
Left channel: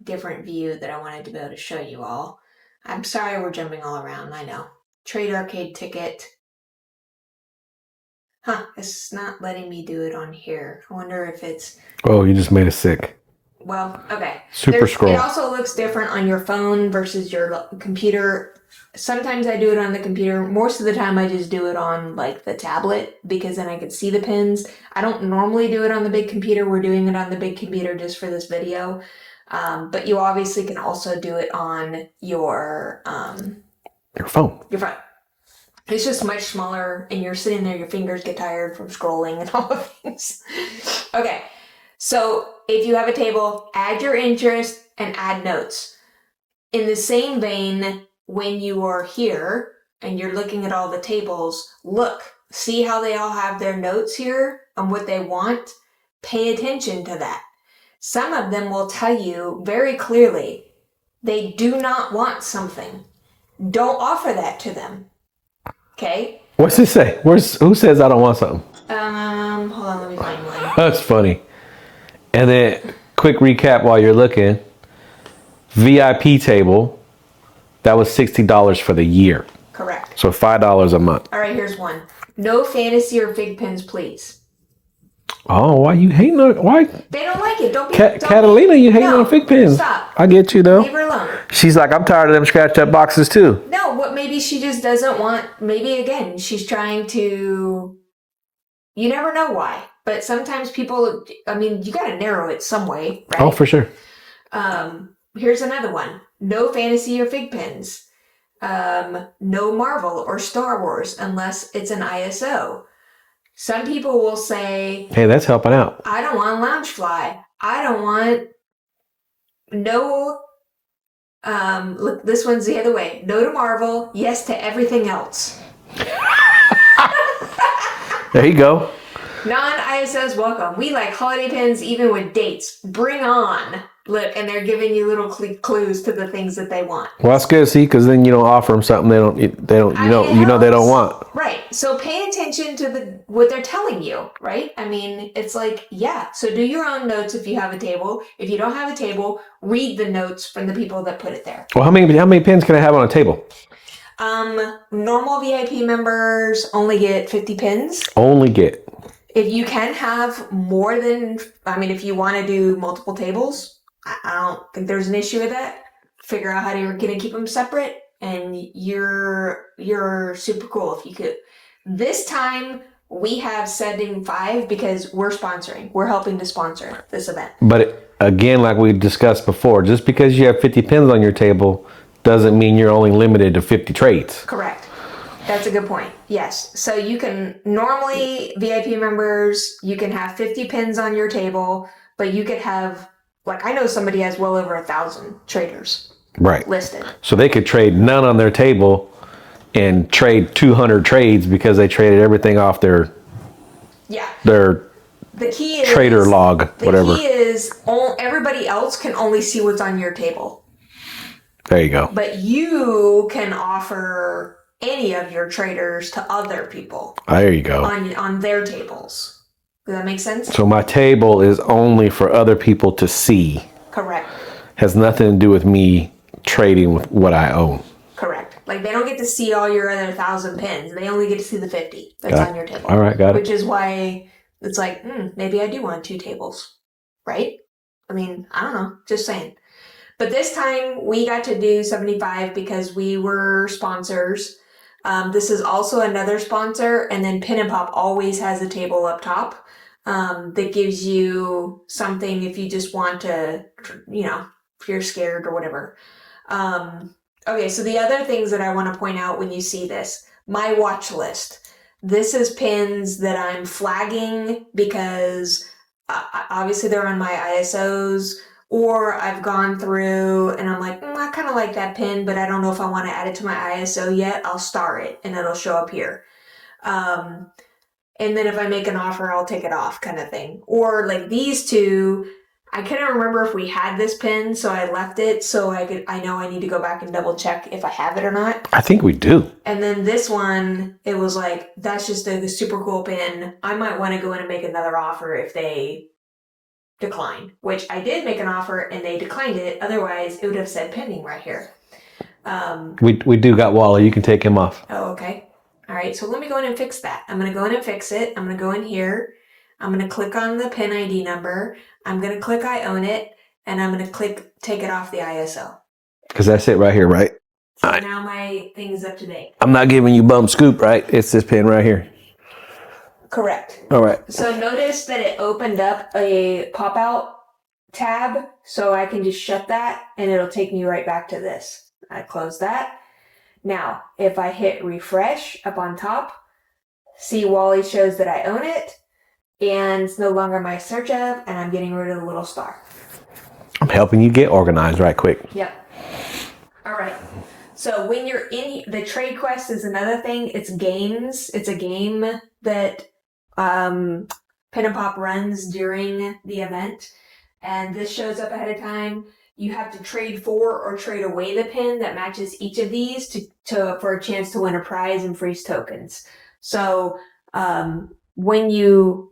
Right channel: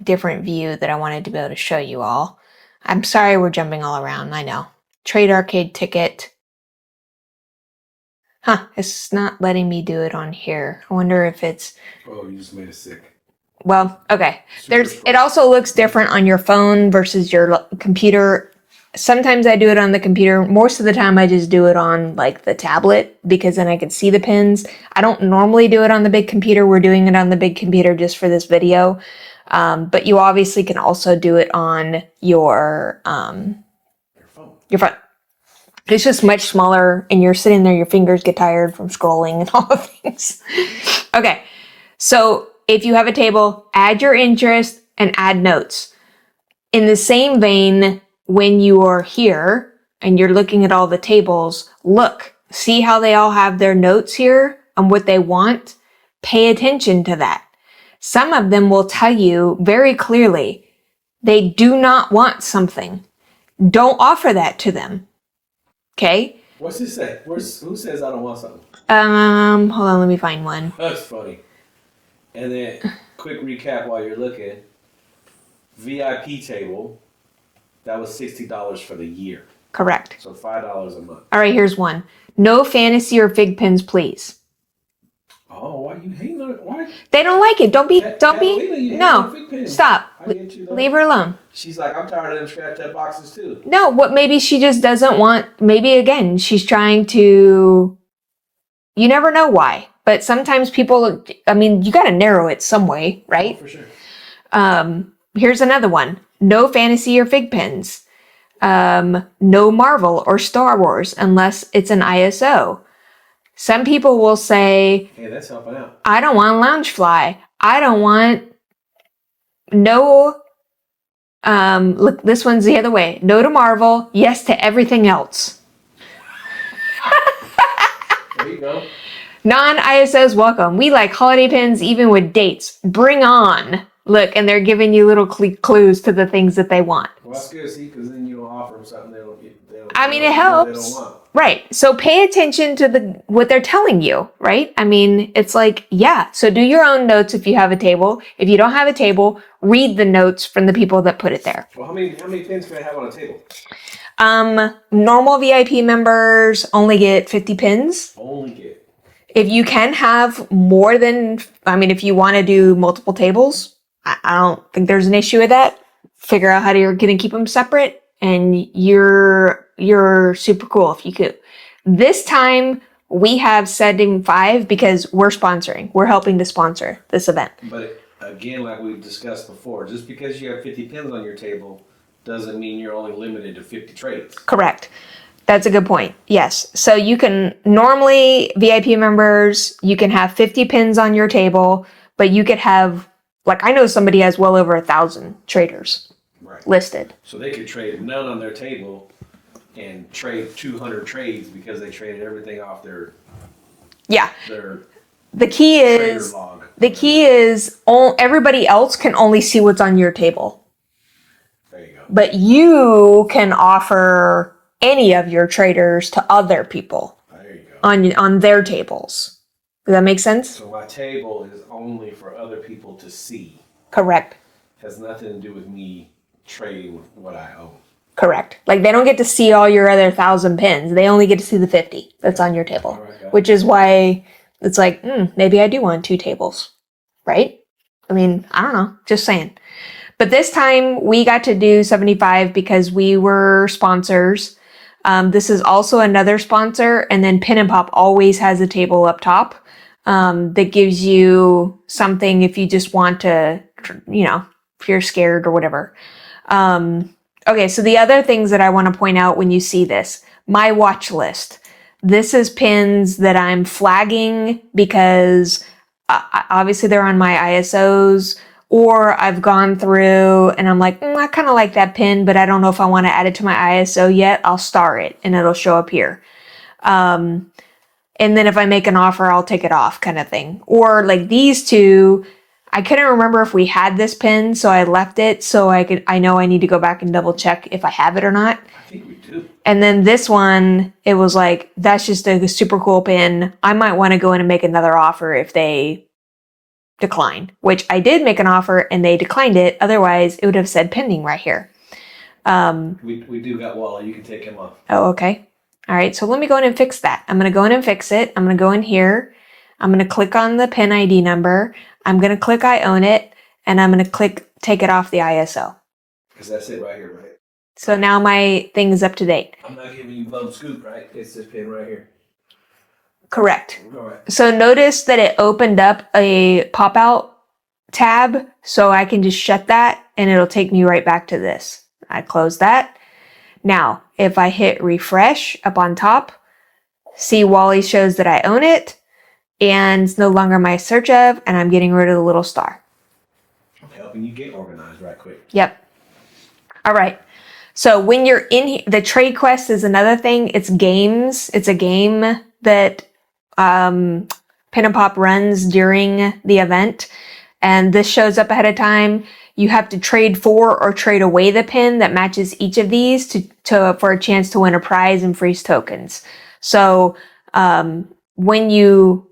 different view that I wanted to be able to show you all. I'm sorry we're jumping all around. I know. Trade arcade ticket. Huh. It's not letting me do it on here. I wonder if it's... Oh, you just made us sick. Well, okay. Super scroll. It also looks different on your phone versus your computer. Sometimes I do it on the computer. Most of the time I just do it on like the tablet because then I can see the pins. I don't normally do it on the big computer. We're doing it on the big computer just for this video. But you obviously can also do it on your phone. Your phone. It's just much smaller and you're sitting there, your fingers get tired from scrolling and all the things. Okay. So if you have a table, add your interest and add notes. In the same vein, when you are here and you're looking at all the tables, look, see how they all have their notes here on what they want? Pay attention to that. Some of them will tell you very clearly they do not want something. Don't offer that to them. Okay? What's it say? Who says I don't want something? Hold on, let me find one. That's funny. And then, quick recap while you're looking. VIP table, that was $60 for the year. Correct. So $5 a month. All right, here's one. No fantasy or fig pins, please. Oh, why you hating on? Why? They don't like it. Don't be. Catalina, you hating on fig pins. Stop. I get you though. Leave her alone. She's like, I'm tired of them scratched up boxes too. No, what? Maybe she just doesn't want. Maybe again, she's trying to. You never know why, but sometimes people. I mean, you got to narrow it some way, right? Oh, for sure. Here's another one. No fantasy or fig pins. No Marvel or Star Wars unless it's an ISO. Some people will say, hey, that's helping out. I don't want Loungefly. I don't want no, look, this one's the other way. No to Marvel, yes to everything else. There you go. Non-ISOs welcome. We like holiday pins even with dates. Bring on. Look, and they're giving you little clues to the things that they want. Well, that's good, see, because then you don't offer them something they don't. I mean, you know they don't want. Right. So pay attention to what they're telling you, right? I mean, it's like, yeah. So do your own notes if you have a table. If you don't have a table, read the notes from the people that put it there. Well, how many pins can I have on a table? Normal VIP members only get 50 pins. Only get. If you can have more than, I mean, if you want to do multiple tables, I don't think there's an issue with that. Figure out how you're going to keep them separate, and you're super cool if you could. This time we have setting 5 because we're sponsoring. We're helping to sponsor this event. But again, like we discussed before, just because you have 50 pins on your table doesn't mean you're only limited to 50 trades. Correct. That's a good point. Yes. So you can normally VIP members, you can have 50 pins on your table, but you could have, like, I know somebody has well over 1,000 traders listed. So they could trade none on their table and trade 200 trades because they traded everything off their the key is trader log. The key is everybody else can only see what's on your table. There you go. But you can offer any of your traders to other people There you go. on their tables. Does that make sense? So my table is only for other people to see. Correct. Has nothing to do with me trading with what I own. Correct. Like they don't get to see all your other 1,000 pins. They only get to see the 50 that's on your table. All right, got it. Which is why it's like, maybe I do want 2 tables, right? I mean, I don't know. Just saying. But this time we got to do 75 because we were sponsors. This is also another sponsor. And then Pin and Pop always has a table up top that gives you something if you just want to, if you're scared or whatever. Okay, so the other things that I want to point out when you see this, my watch list. This is pins that I'm flagging because obviously they're on my ISOs, or I've gone through and I'm like, I kind of like that pin, but I don't know if I want to add it to my ISO yet. I'll star it and it'll show up here. And then if I make an offer, I'll take it off kind of thing. Or like these two, I couldn't remember if we had this pin, so I left it so I know I need to go back and double check if I have it or not. I think we do. And then this one, it was like, that's just a super cool pin. I might want to go in and make another offer if they decline, which I did make an offer and they declined it. Otherwise, it would have said pending right here. We do got Wally. You can take him off. Oh, okay. All right. So let me go in and fix that. I'm going to go in and fix it. I'm going to go in here. I'm going to click on the pin ID number. I'm going to click I own it, and I'm going to click take it off the ISO. Because that's it right here, right? So now my thing is up to date. I'm not giving you bum scoop, right? It's this pin right here. Correct. All right. So notice that it opened up a pop-out tab, so I can just shut that, and it'll take me right back to this. I close that. Now, if I hit refresh up on top, see Wally shows that I own it, and it's no longer my search of, and I'm getting rid of the little star. I'm helping you get organized right quick. Yep. All right. So when you're in here, the trade quest is another thing. It's games. It's a game that Pin and Pop runs during the event. And this shows up ahead of time. You have to trade for or trade away the pin that matches each of these for a chance to win a prize and freeze tokens. So when you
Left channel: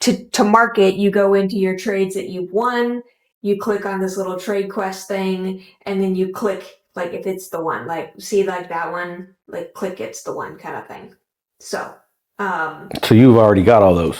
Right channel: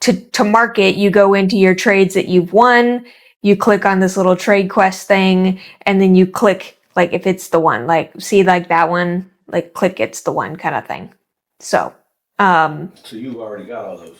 to mark it, you go into your trades that you've won, you click on this little trade quest thing, and then you click, like, if it's the one, like, see, like that one, like, click it's the one kind of thing. So you've already got all those.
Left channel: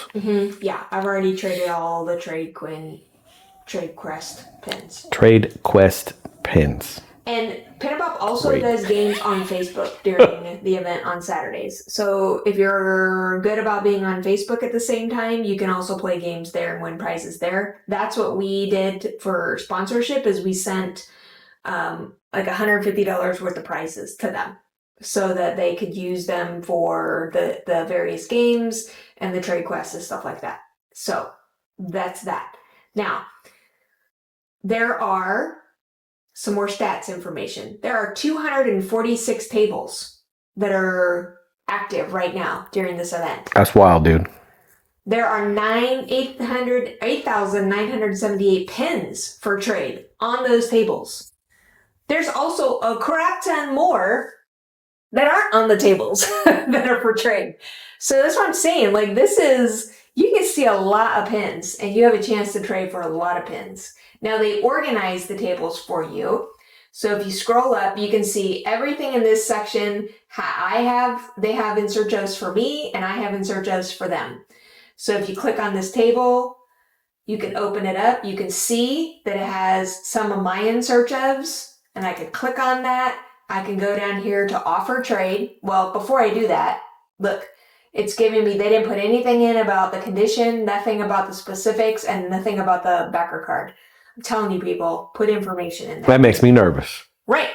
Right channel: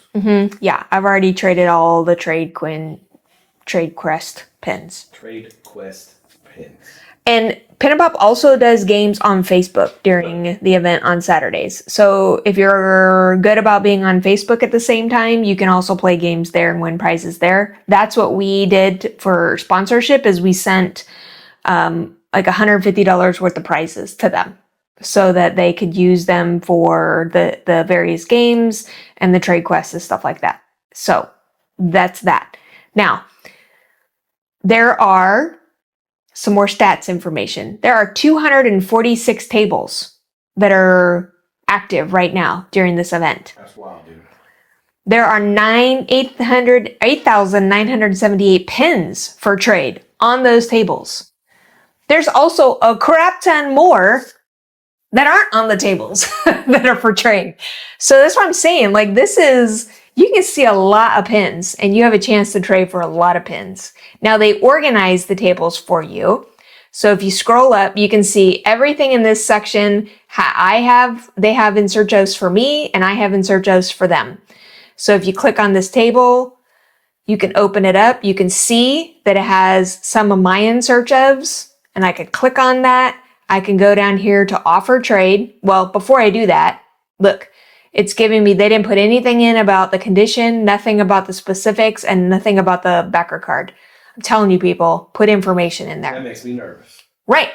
Yeah, I've already traded all the trade quest pins. Trade quest pins. And Pin and Pop also does games on Facebook during the event on Saturdays. So if you're good about being on Facebook at the same time, you can also play games there and win prizes there. That's what we did for sponsorship, is we sent like $150 worth of prizes to them so that they could use them for the various games and the trade quests and stuff like that. So that's that. Now, there are some more stats information. There are 246 tables that are active right now during this event. That's wild, dude. There are 8,978 pins for trade on those tables. There's also a crap ton more that aren't on the tables that are for trade. So that's what I'm saying. Like, this is, you can see a lot of pins and you have a chance to trade for a lot of pins. Now, they organize the tables for you. So if you scroll up, you can see everything in this section. They have insert jobs for me, and I have insert jobs for them. So if you click on this table, you can open it up. You can see that it has some of my insert jobs, and I can click on that. I can go down here to offer trade. Well, before I do that, look, it's giving me, they didn't put anything in about the condition, nothing about the specifics, and nothing about the backer card. I'm telling you, people, put information in there. That makes me nervous. Right.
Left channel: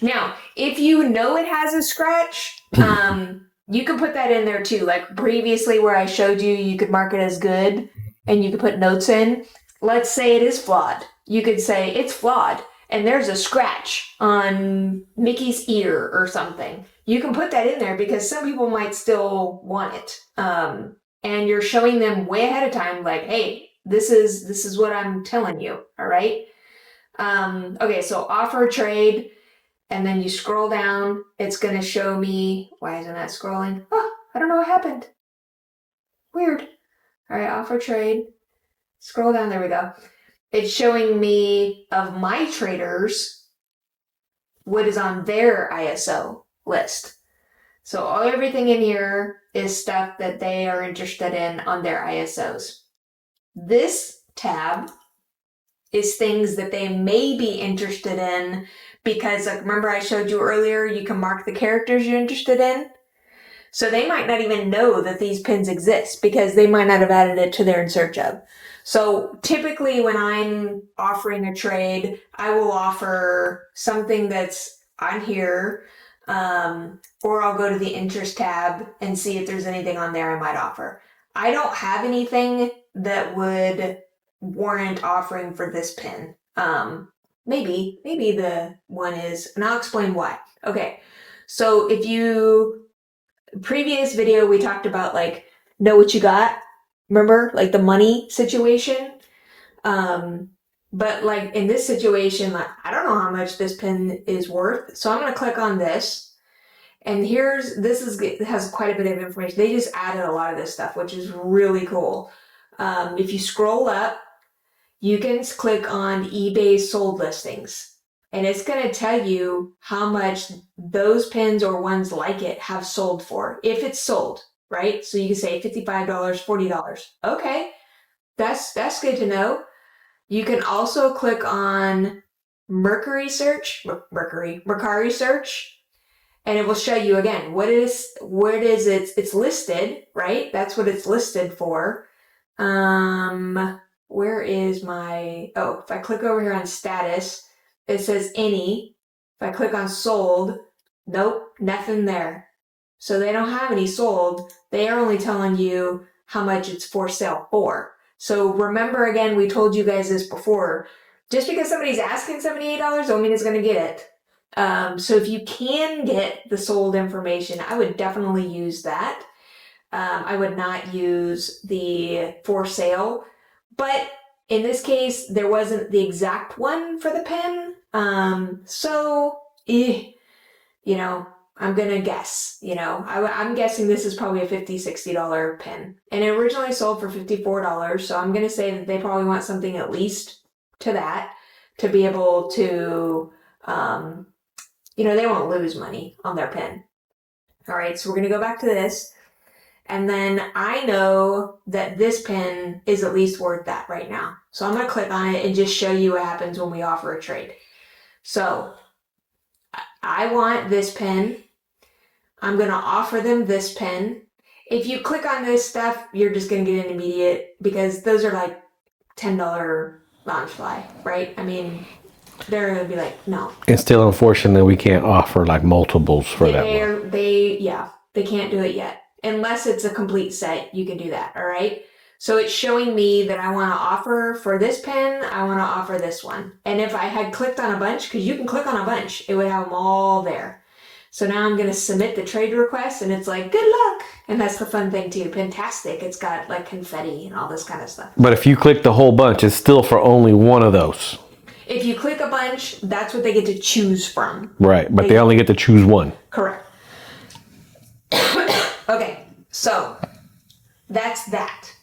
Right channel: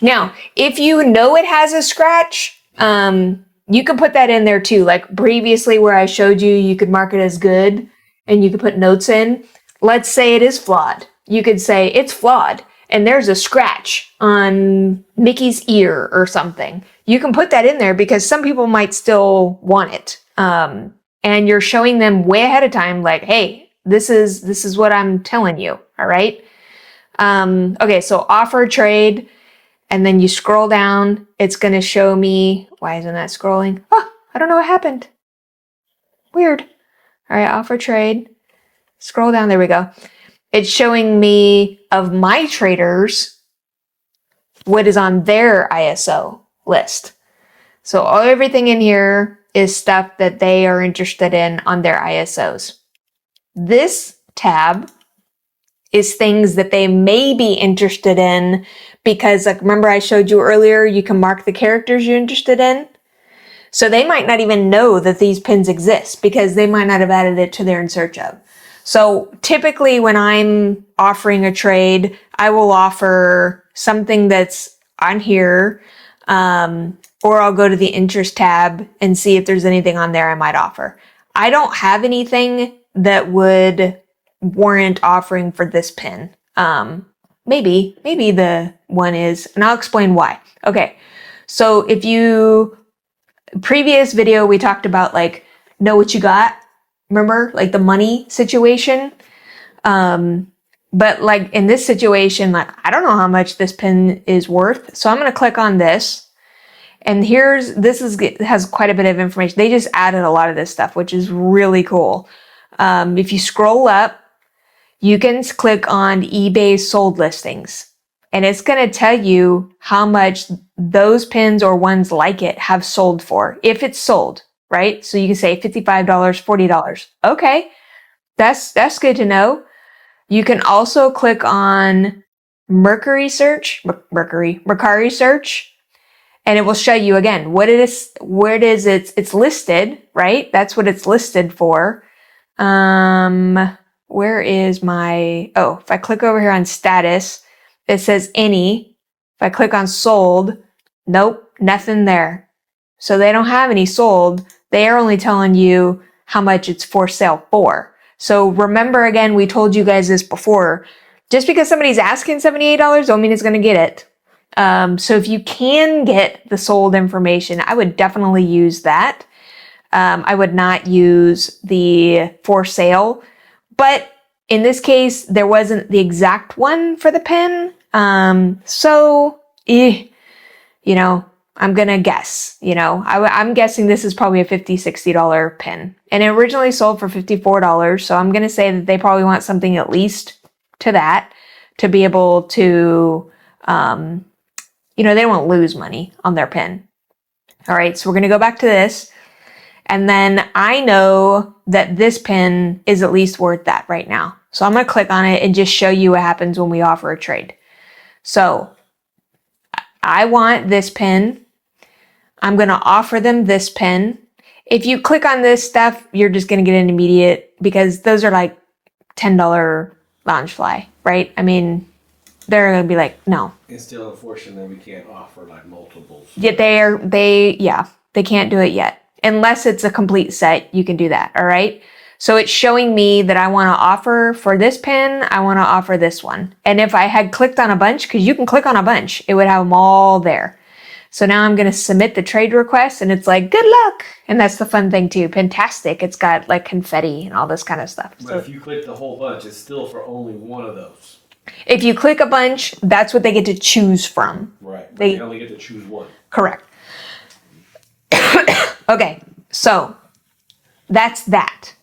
Now, if you know it has a scratch, you can put that in there too. Like previously where I showed you, you could mark it as good and you could put notes in. Let's say it is flawed. You could say it's flawed and there's a scratch on Mickey's ear or something. You can put that in there because some people might still want it. And you're showing them way ahead of time, like, hey, this is what I'm telling you. All right. Okay. So offer trade. and then you scroll down. It's going to show me, why isn't that scrolling? Oh, I don't know what happened. Weird. All right, offer trade. Scroll down, there we go. It's showing me of my traders what is on their ISO list. So everything in here is stuff that they are interested in on their ISOs. This tab is things that they may be interested in because, like, remember I showed you earlier, you can mark the characters you're interested in. So they might not even know that these pins exist because they might not have added it to their in search of. So typically when I'm offering a trade, I will offer something that's on here, or I'll go to the interest tab and see if there's anything on there I might offer. I don't have anything that would warrant offering for this pin. Maybe the one is, and I'll explain why. Okay. So previous video, we talked about like, know what you got. Remember, like the money situation? But like in this situation, like, I don't know how much this pin is worth. So I'm going to click on this. And has quite a bit of information. They just added a lot of this stuff, which is really cool. If you scroll up, you can click on eBay's sold listings. And it's going to tell you how much those pins or ones like it have sold for, if it's sold, right? So you can say $55, $40. Okay, that's good to know. You can also click on Mercari search, and it will show you again what it is, where it is it's listed, right? That's what it's listed for. Where is if I click over here on status, it says any. If I click on sold, nope, nothing there. So they don't have any sold. They are only telling you how much it's for sale for. So remember, again, we told you guys this before. Just because somebody's asking $78 don't mean it's going to get it. So if you can get the sold information, I would definitely use that. I would not use the for sale, but in this case, there wasn't the exact one for the pin. I'm going to guess, I'm guessing this is probably a $50, $60 pin, and it originally sold for $54. So I'm going to say that they probably want something at least to that to be able to, they won't lose money on their pin. All right. So we're going to go back to this. And then I know that this pin is at least worth that right now. So I'm going to click on it and just show you what happens when we offer a trade. So I want this pin. I'm going to offer them this pin. If you click on this stuff, you're just going to get an immediate, because those are like $10 Loungefly, right? I mean, they're going to be like, no. It's still unfortunate that we can't offer like multiples for that. They can't do it yet. Unless it's a complete set, you can do that. All right. So it's showing me that I want to offer for this pin. I want to offer this one. And if I had clicked on a bunch, because you can click on a bunch, it would have them all there. So now I'm going to submit the trade request, and it's like, good luck. And that's the fun thing too. Pintastic. It's got like confetti and all this kind of stuff. But if you click the whole bunch, it's still for only one of those. If you click a bunch, that's what they get to choose from. Right. But they only get to choose one. Correct. Okay, so that's that.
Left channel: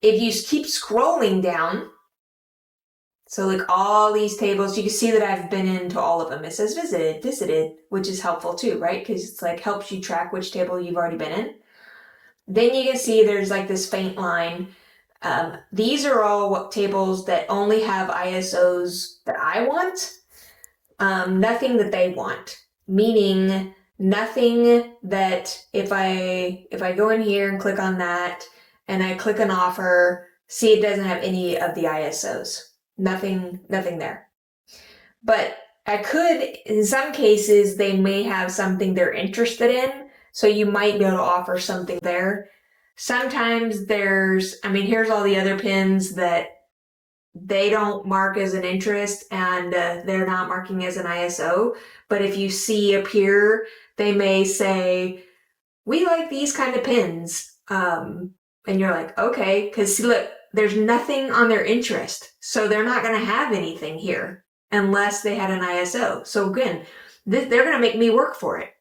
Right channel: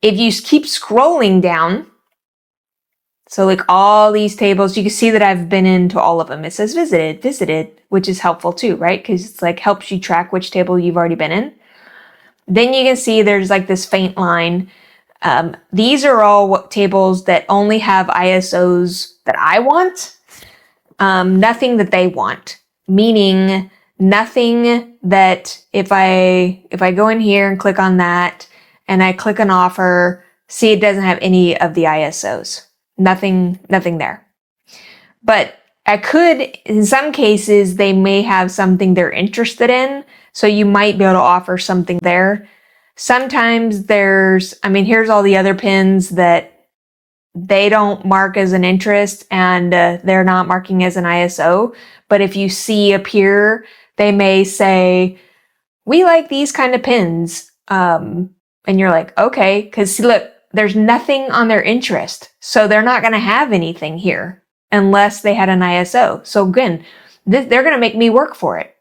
If you keep scrolling down, so like all these tables, you can see that I've been into all of them. It says visited, which is helpful too, right? Because it's like helps you track which table you've already been in. Then you can see there's like this faint line. These are all tables that only have ISOs that I want, nothing that they want, meaning nothing that if I go in here and click on that and I click an offer, see, it doesn't have any of the ISOs. Nothing there. But I could, in some cases, they may have something they're interested in. So you might be able to offer something there. Sometimes here's all the other pins that they don't mark as an interest and they're not marking as an ISO. But if you see appear, they may say, we like these kind of pins. And you're like, okay, because see, look, there's nothing on their interest. So they're not going to have anything here. unless they had an ISO. So again, they're going to make me work for it,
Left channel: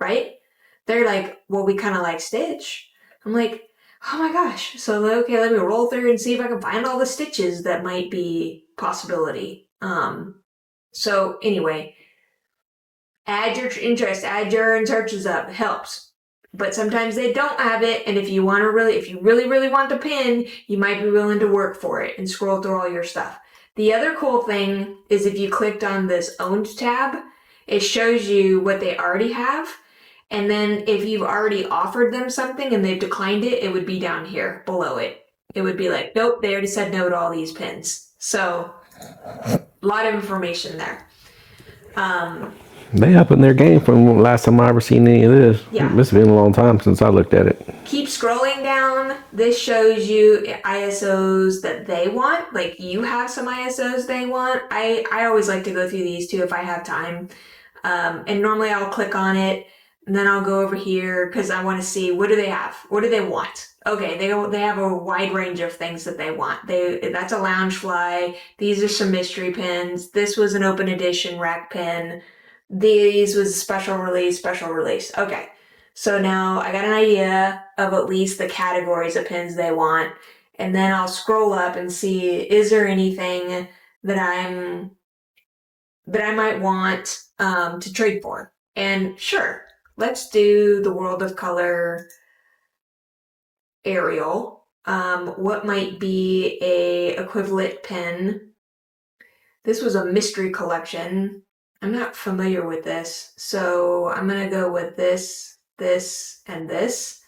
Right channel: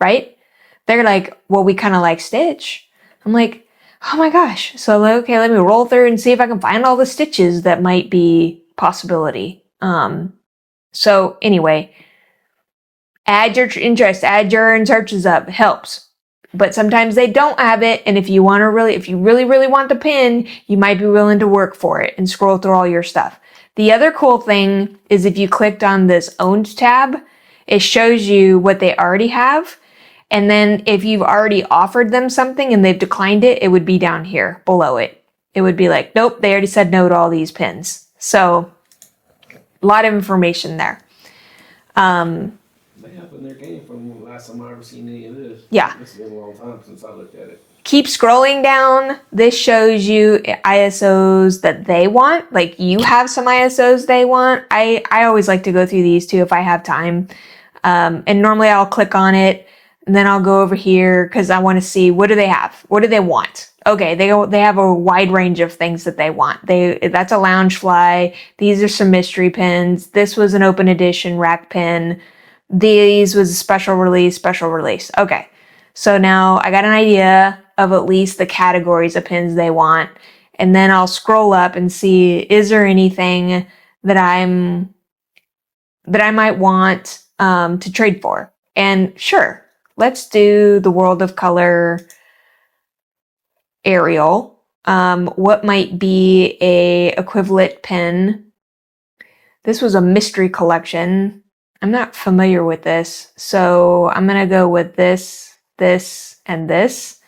right? They're like, well, we kind of like Stitch. I'm like, oh my gosh. So okay, let me roll through and see if I can find all the stitches that might be possibility. So anyway, add your interest, add your searches up, helps. But sometimes they don't have it, and if you really want the pin, you might be willing to work for it and scroll through all your stuff. The other cool thing is if you clicked on this owned tab, it shows you what they already have. And then if you've already offered them something and they've declined it, it would be down here below it. It would be like, nope, they already said no to all these pins. So a lot of information there. They up in their game from last time I ever seen any of this. Yeah. It's been a long time since I looked at it. Keep scrolling down. This shows you ISOs that they want. Like you have some ISOs they want. I always like to go through these too if I have time. And normally I'll click on it and then I'll go over here because I want to see what do they have? What do they want? Okay, they have a wide range of things that they want. That's a Loungefly. These are some mystery pins. This was an open edition rack pin. These was a special release. Okay. So now I got an idea of at least the categories of pins they want. And then I'll scroll up and see, is there anything that I might want to trade for? And sure, let's do the World of Color Ariel. What might be a equivalent pin? This was a mystery collection. I'm not familiar with this, so I'm gonna go with this, and this.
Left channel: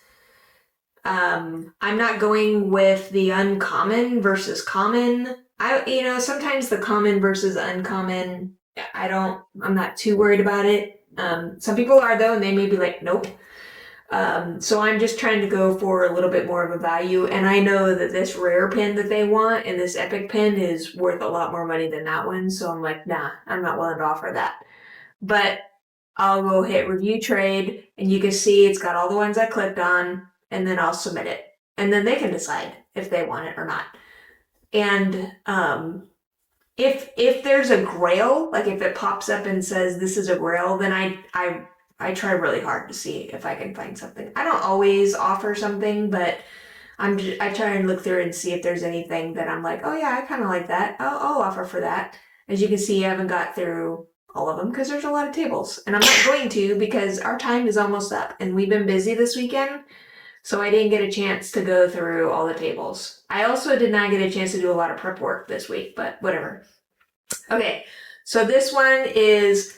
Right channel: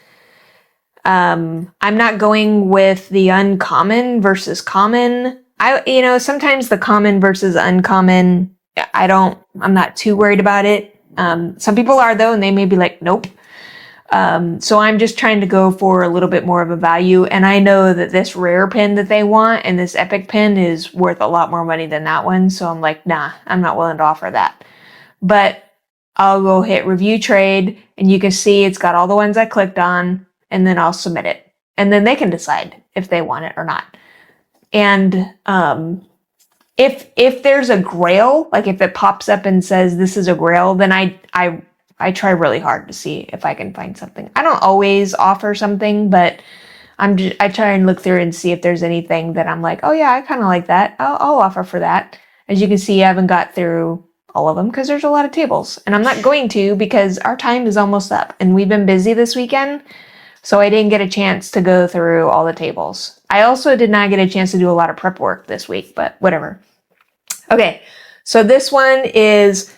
I'm not going with the uncommon versus common. Sometimes the common versus uncommon, I'm not too worried about it. Some people are though, and they may be like, nope. So I'm just trying to go for a little bit more of a value. And I know that this rare pin that they want and this epic pin is worth a lot more money than that one. So I'm like, nah, I'm not willing to offer that. But I'll go hit review trade and you can see it's got all the ones I clicked on and then I'll submit it. And then they can decide if they want it or not. And, if there's a grail, like if it pops up and says this is a grail, then I try really hard to see if I can find something. I don't always offer something, but I try and look through and see if there's anything that I'm like, oh yeah, I kind of like that. I'll offer for that. As you can see, I haven't got through all of them because there's a lot of tables, and I'm not going to because our time is almost up, and we've been busy this weekend, so I didn't get a chance to go through all the tables. I also did not get a chance to do a lot of prep work this week, but whatever. Okay, so this one is.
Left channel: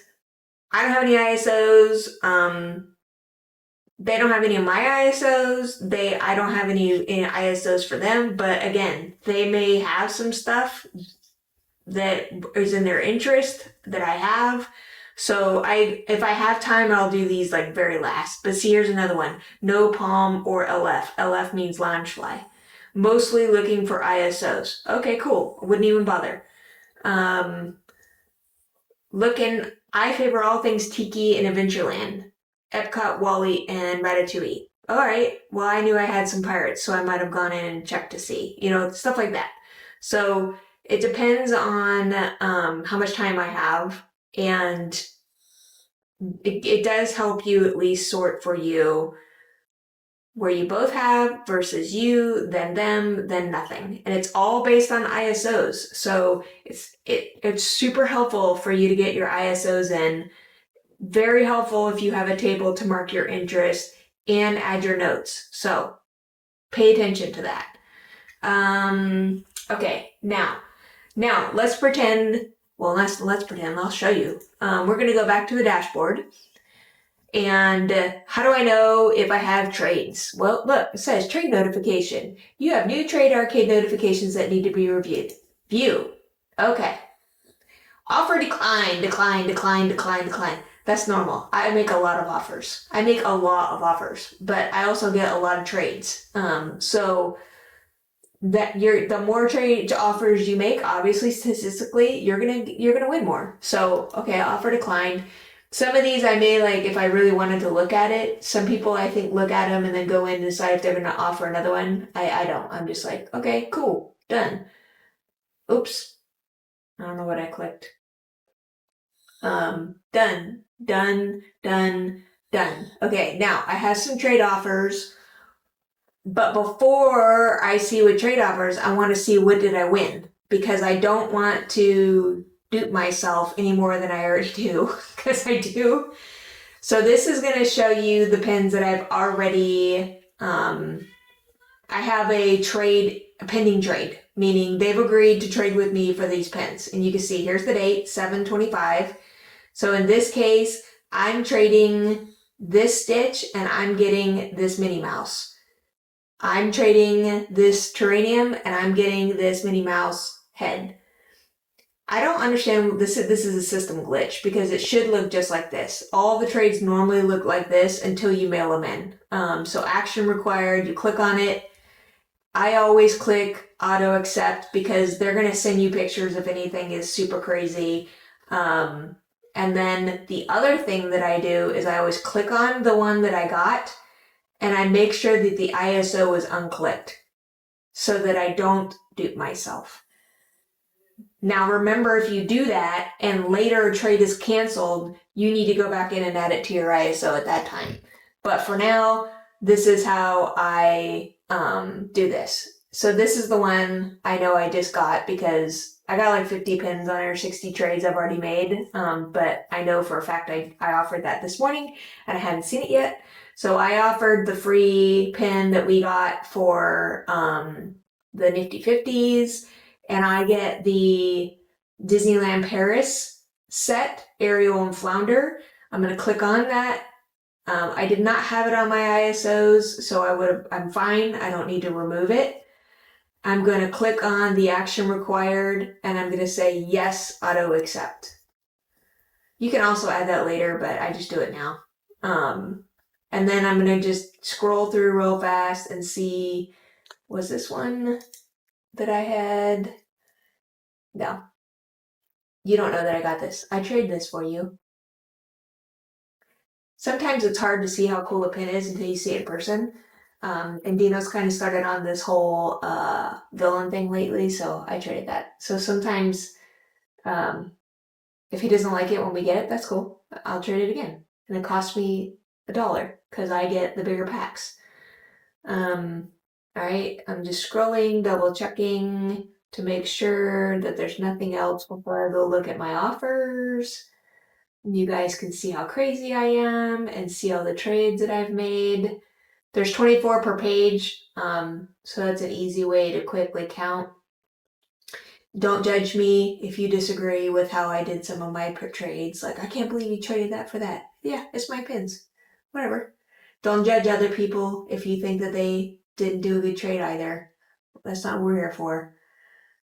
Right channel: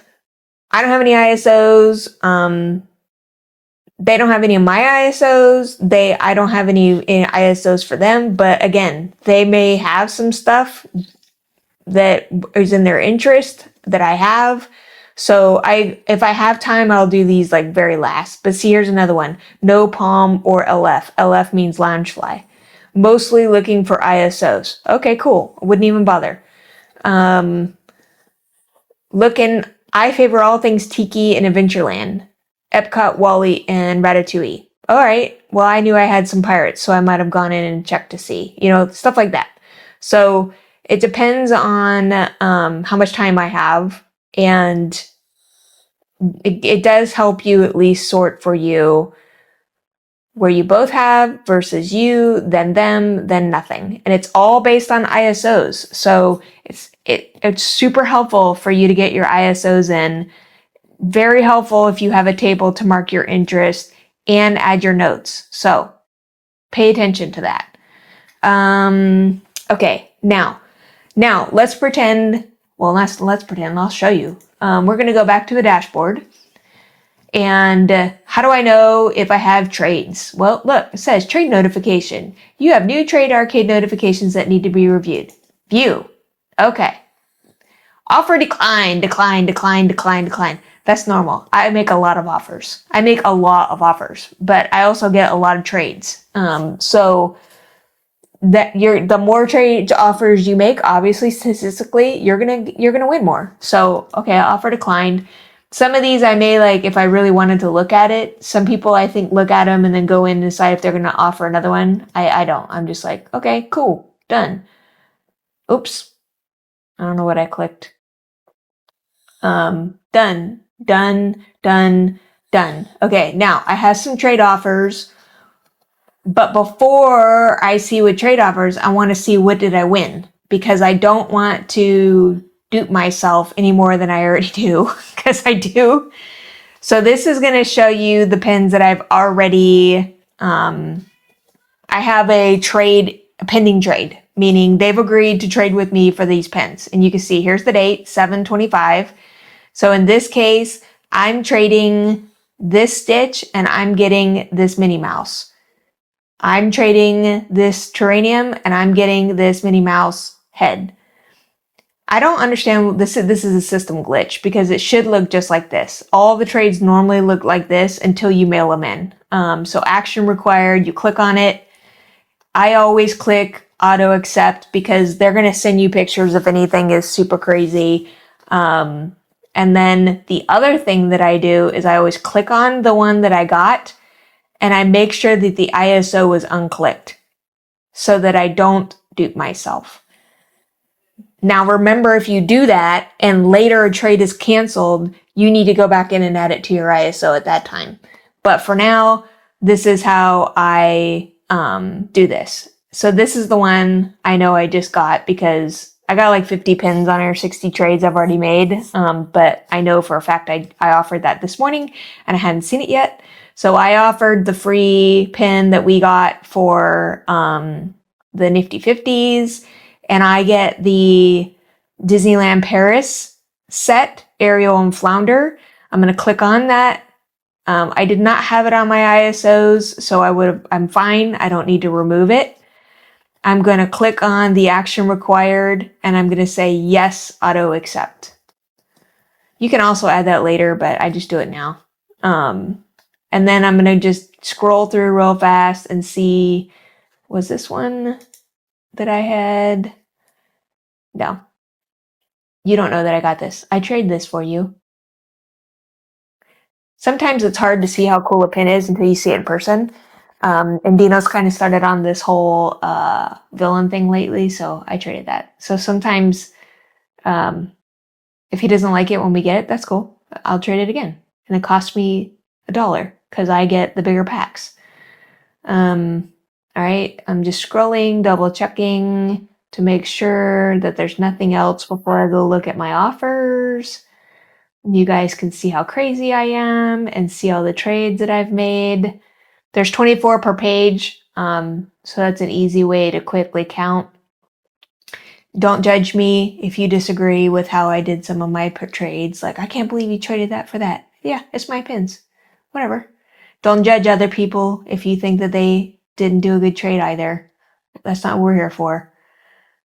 I don't have any ISOs. They don't have any of my ISOs. I don't have any ISOs for them. But again, they may have some stuff that is in their interest that I have. So if I have time, I'll do these like very last. But see, here's another one. No Palm or LF. LF means Loungefly. Mostly looking for ISOs. Okay, cool. I wouldn't even bother. I favor all things Tiki and Adventureland, Epcot, Wally, and Ratatouille. All right. Well, I knew I had some pirates, so I might have gone in and checked to see, stuff like that. So it depends on how much time I have, and it does help you at least sort for you where you both have versus you, then them, then nothing. And it's all based on ISOs. So it's super helpful for you to get your ISOs in. Very helpful if you have a table to mark your interest and add your notes. So pay attention to that. Okay, now let's pretend, let's pretend, I'll show you. We're gonna go back to the dashboard. And how do I know if I have trades? Well, look, it says trade notification. You have new trade arcade notifications that need to be reviewed. View. Okay. Offer decline. That's normal. I make a lot of offers. But I also get a lot of trades. So that the more trade offers you make, obviously statistically, you're gonna win more. So okay, offer declined. Some of these I may like if I really wanted to look at it. Some people I think look at them and then go in and decide if they're going to offer another one. I don't. I'm just like, okay, cool, done. Oops. I don't know what I clicked. Done, done, done, done. Okay, now I have some trade offers, but before I see what trade offers, I want to see what did I win, because I don't want to dupe myself any more than I already do, because I do. So this is going to show you the pins that I've already, I have a pending trade, meaning they've agreed to trade with me for these pins. And you can see here's the date, 7/25. So in this case, I'm trading this Stitch and I'm getting this Minnie Mouse. I'm trading this Terranium and I'm getting this Minnie Mouse head. I don't understand, this is a system glitch because it should look just like this. All the trades normally look like this until you mail them in. So action required, you click on it. I always click auto accept because they're going to send you pictures if anything is super crazy. And then the other thing that I do is I always click on the one that I got and I make sure that the ISO is unclicked so that I don't dupe myself. Now remember, if you do that and later a trade is canceled, you need to go back in and add it to your ISO at that time. But for now, this is how I do this. So this is the one I know I just got because I got like 50 pins on here, 60 trades I've already made. But I know for a fact I offered that this morning and I hadn't seen it yet. So I offered the free pin that we got for the Nifty 50s. And I get the Disneyland Paris set, Ariel and Flounder. I'm going to click on that. I did not have it on my ISOs, so I'm fine. I don't need to remove it. I'm going to click on the action required and I'm going to say yes, auto accept. You can also add that later, but I just do it now. And then I'm going to just scroll through real fast and see, was this one that I had? No. You don't know that I got this. I trade this for you. Sometimes it's hard to see how cool a pin is until you see it in person. And Dino's kind of started on this whole villain thing lately, so I traded that. So sometimes if he doesn't like it when we get it, that's cool. I'll trade it again. And it costs me $1 because I get the bigger packs. All right, I'm just scrolling, double checking to make sure that there's nothing else before I go look at my offers. You guys can see how crazy I am and see all the trades that I've made. There's 24 per page, so that's an easy way to quickly count. Don't judge me if you disagree with how I did some of my trades. Like, I can't believe you traded that for that. Yeah, it's my pins. Whatever. Don't judge other people if you think that they didn't do a good trade either. That's not what we're here for.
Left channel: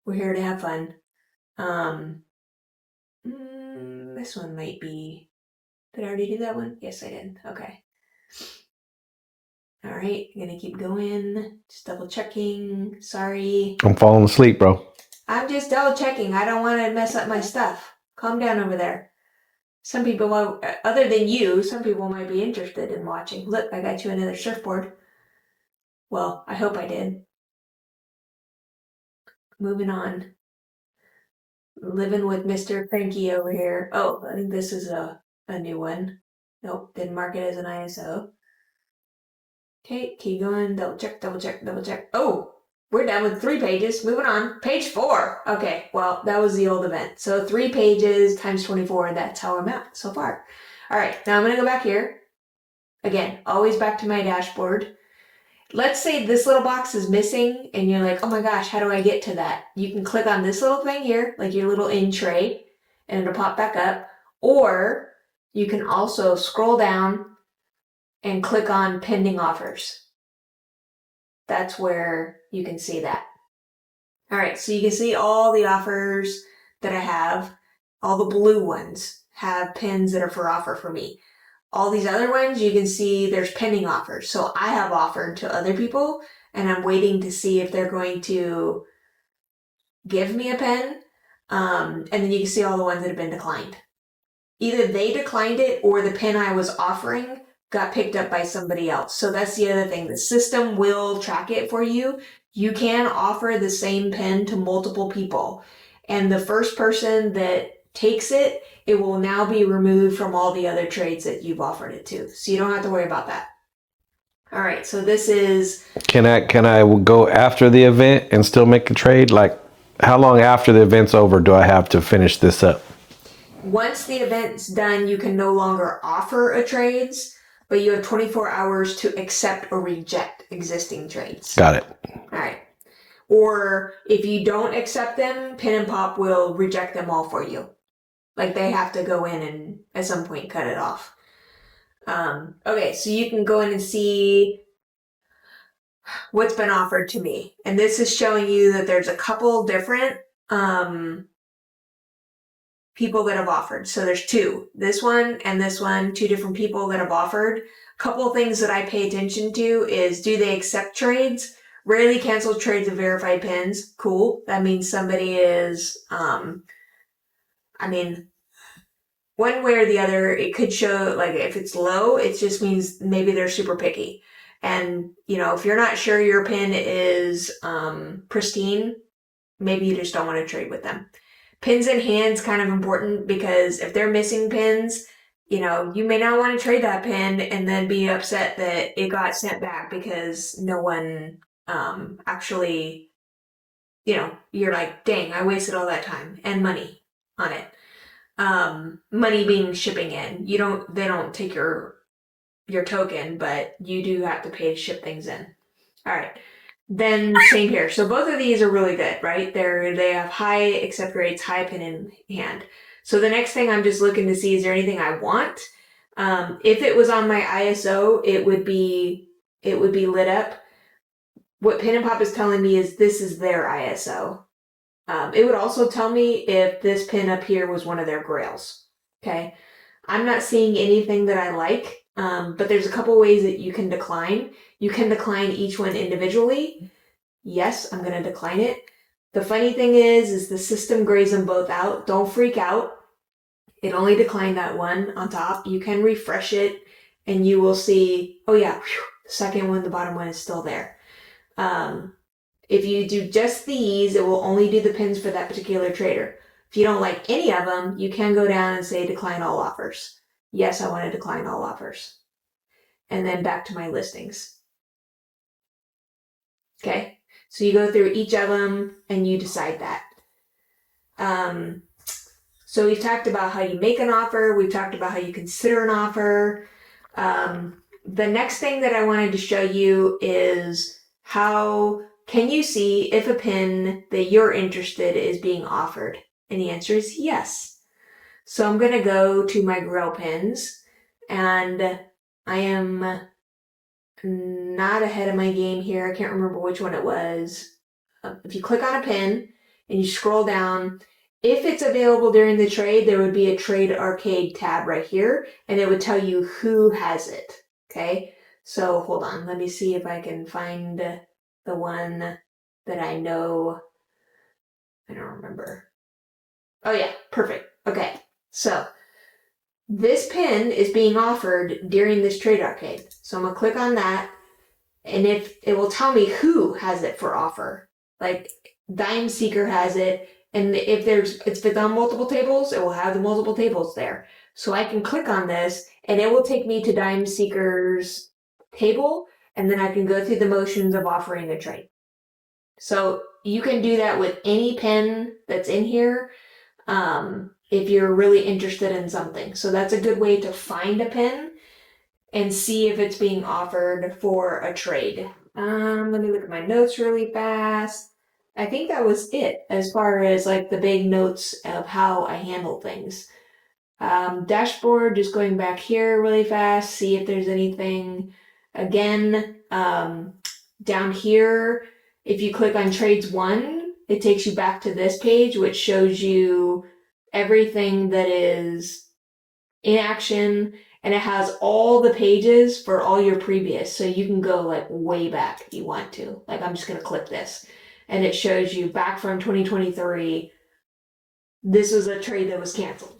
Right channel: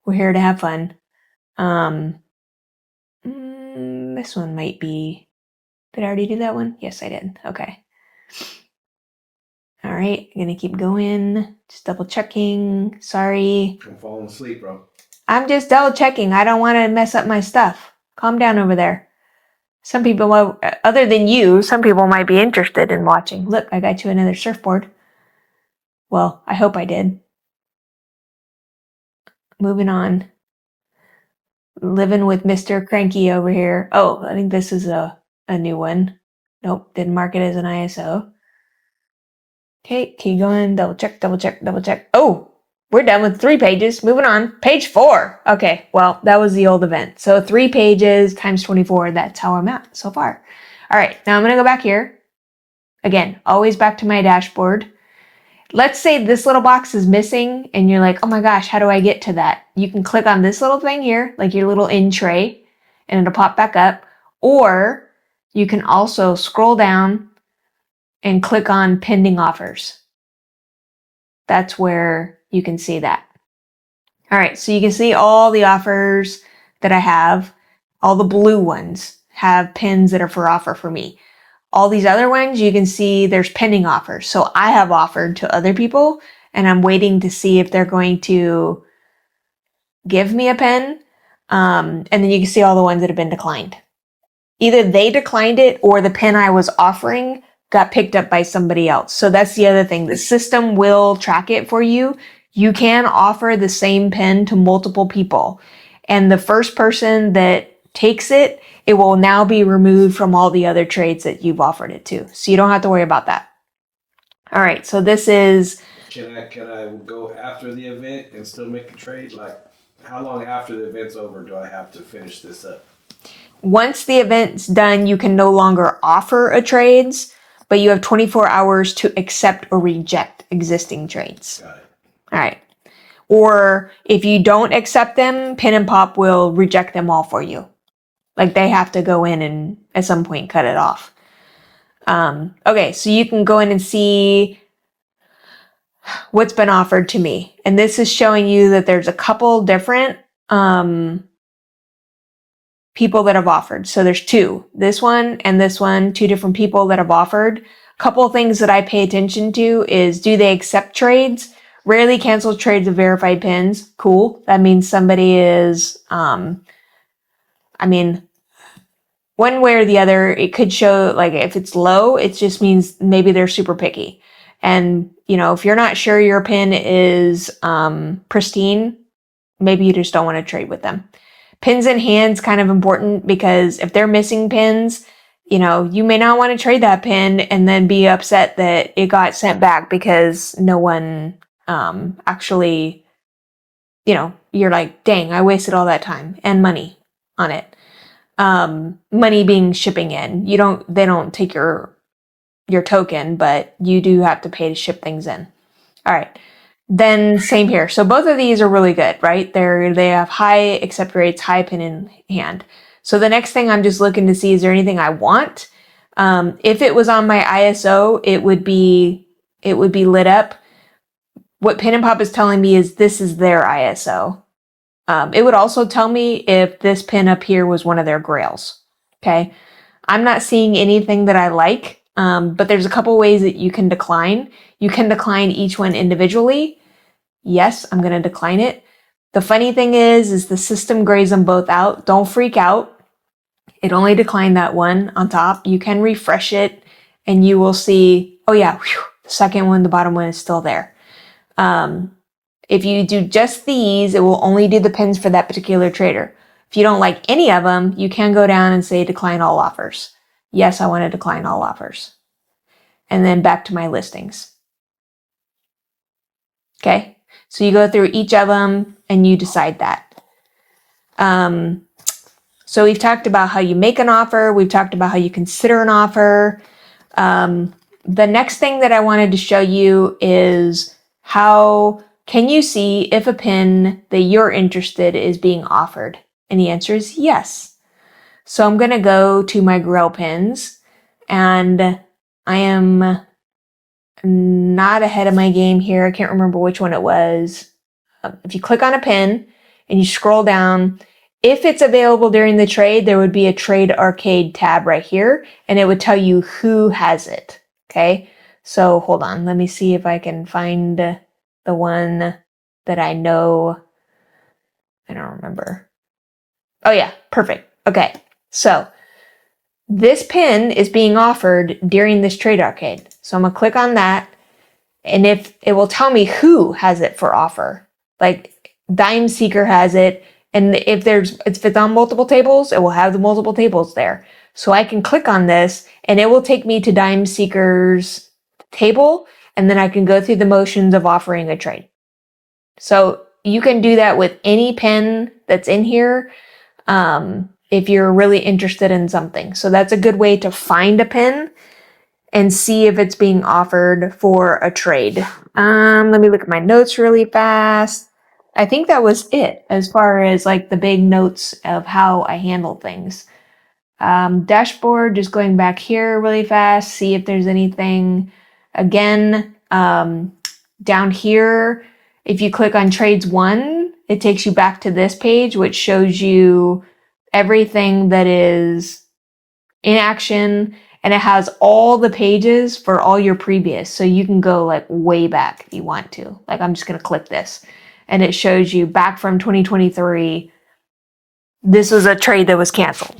We're here to have fun. This one might be... Did I already do that one? Yes, I did. Okay. All right, I'm gonna keep going. Just double checking. Sorry. I'm falling asleep, bro. I'm just double checking. I don't want to mess up my stuff. Calm down over there. Some people, other than you, some people might be interested in watching. Look, I got you another surfboard. Well, I hope I did. Moving on. Living with Mr. Cranky over here. Oh, I think this is a new one. Nope, didn't mark it as an ISO. Okay, keep going. Double check, double check, double check. Oh, we're done with 3 pages. Moving on. Page 4. Okay, well, that was the old event. So 3 pages times 24. That's how I'm at so far. All right, now I'm going to go back here. Again, always back to my dashboard. Let's say this little box is missing and you're like, oh my gosh, how do I get to that? You can click on this little thing here, like your little in tray, and it'll pop back up. Or you can also scroll down and click on pending offers. That's where you can see that. All right, so you can see all the offers that I have. All the blue ones have pins that are for offer for me. All these other ones, you can see there's pending offers. So I have offered to other people and I'm waiting to see if they're going to give me a pin. And then you can see all the ones that have been declined. Either they declined it or the pin I was offering got picked up by somebody else. So that's the other thing. The system will track it for you. You can offer the same pin to multiple people. And the first person that takes it it will now be removed from all the other trades that you've offered it to. So you don't have to worry about that. All right, so this is... Can I go after the event and still make a trade? Like, how long after the event's over do I have to finish this up? Once the event's done, you can no longer offer a trades, but you have 24 hours to accept or reject existing trades. Got it. All right. Or if you don't accept them, Pin and Pop will reject them all for you. Like they have to go in and at some point cut it off. Okay, so you can go in and see what's been offered to me. And this is showing you that there's a couple different people that have offered. So there's two, this one and this one, two different people that have offered. A couple of things that I pay attention to is, do they accept trades? Rarely cancel trades of verified pins. Cool. That means somebody is, one way or the other, it could show, like, if it's low, it just means maybe they're super picky. And, if you're not sure your pin is pristine, maybe you just don't want to trade with them. Pins in hand's kind of important, because if they're missing pins, you may not want to trade that pin and then be upset that it got sent back because no one actually, you're like, dang, I wasted all that time and money on it. Money being shipping in. They don't take your token, but you do have to pay to ship things in. All right. Then same here. So both of these are really good, right? They have high accept rates, high pin in hand. So the next thing I'm just looking to see, is there anything I want? If it was on my ISO, it would be lit up. What Pin and Pop is telling me is this is their ISO. It would also tell me if this pin up here was one of their grails. Okay. I'm not seeing anything that I like, but there's a couple ways that you can decline. You can decline each one individually. Yes, I'm going to decline it. The funny thing is the system grays them both out. Don't freak out. It only declined that one on top. You can refresh it and you will see, oh yeah, the second one, the bottom one is still there. If you do just these, it will only do the pins for that particular trader. If you don't like any of them, you can go down and say decline all offers. Yes, I want to decline all offers. And then back to my listings. Okay, so you go through each of them and you decide that. So we've talked about how you make an offer. We've talked about how you consider an offer. The next thing that I wanted to show you is how can you see if a pin that you're interested is being offered? And the answer is yes. So I'm going to go to my Grail pins, and I am not ahead of my game here. I can't remember which one it was. If you click on a pin and you scroll down, if it's available during the trade, there would be a Trade Arcade tab right here, and it would tell you who has it. Okay, so hold on. Let me see if I can find the one that I know. I don't remember. Oh yeah, perfect. Okay, so this pin is being offered during this Trade Arcade. So I'm gonna click on that, and if it will tell me who has it for offer, like Dime Seeker has it, and if it's on multiple tables, it will have the multiple tables there. So I can click on this, and it will take me to Dime Seeker's table, and then I can go through the motions of offering a trade. So you can do that with any pin that's in here if you're really interested in something. So that's a good way to find a pin and see if it's being offered for a trade. Let me look at my notes really fast. I think that was it as far as like the big notes of how I handle things. Dashboard, just going back here really fast, see if there's anything. Again, down here, if you click on Trades 1, it takes you back to this page, which shows you everything that is in action, and it has all the pages for all your previous. So you can go like way back if you want to. Like I'm just going to click this, and it shows you back from 2023. This was a trade that was canceled.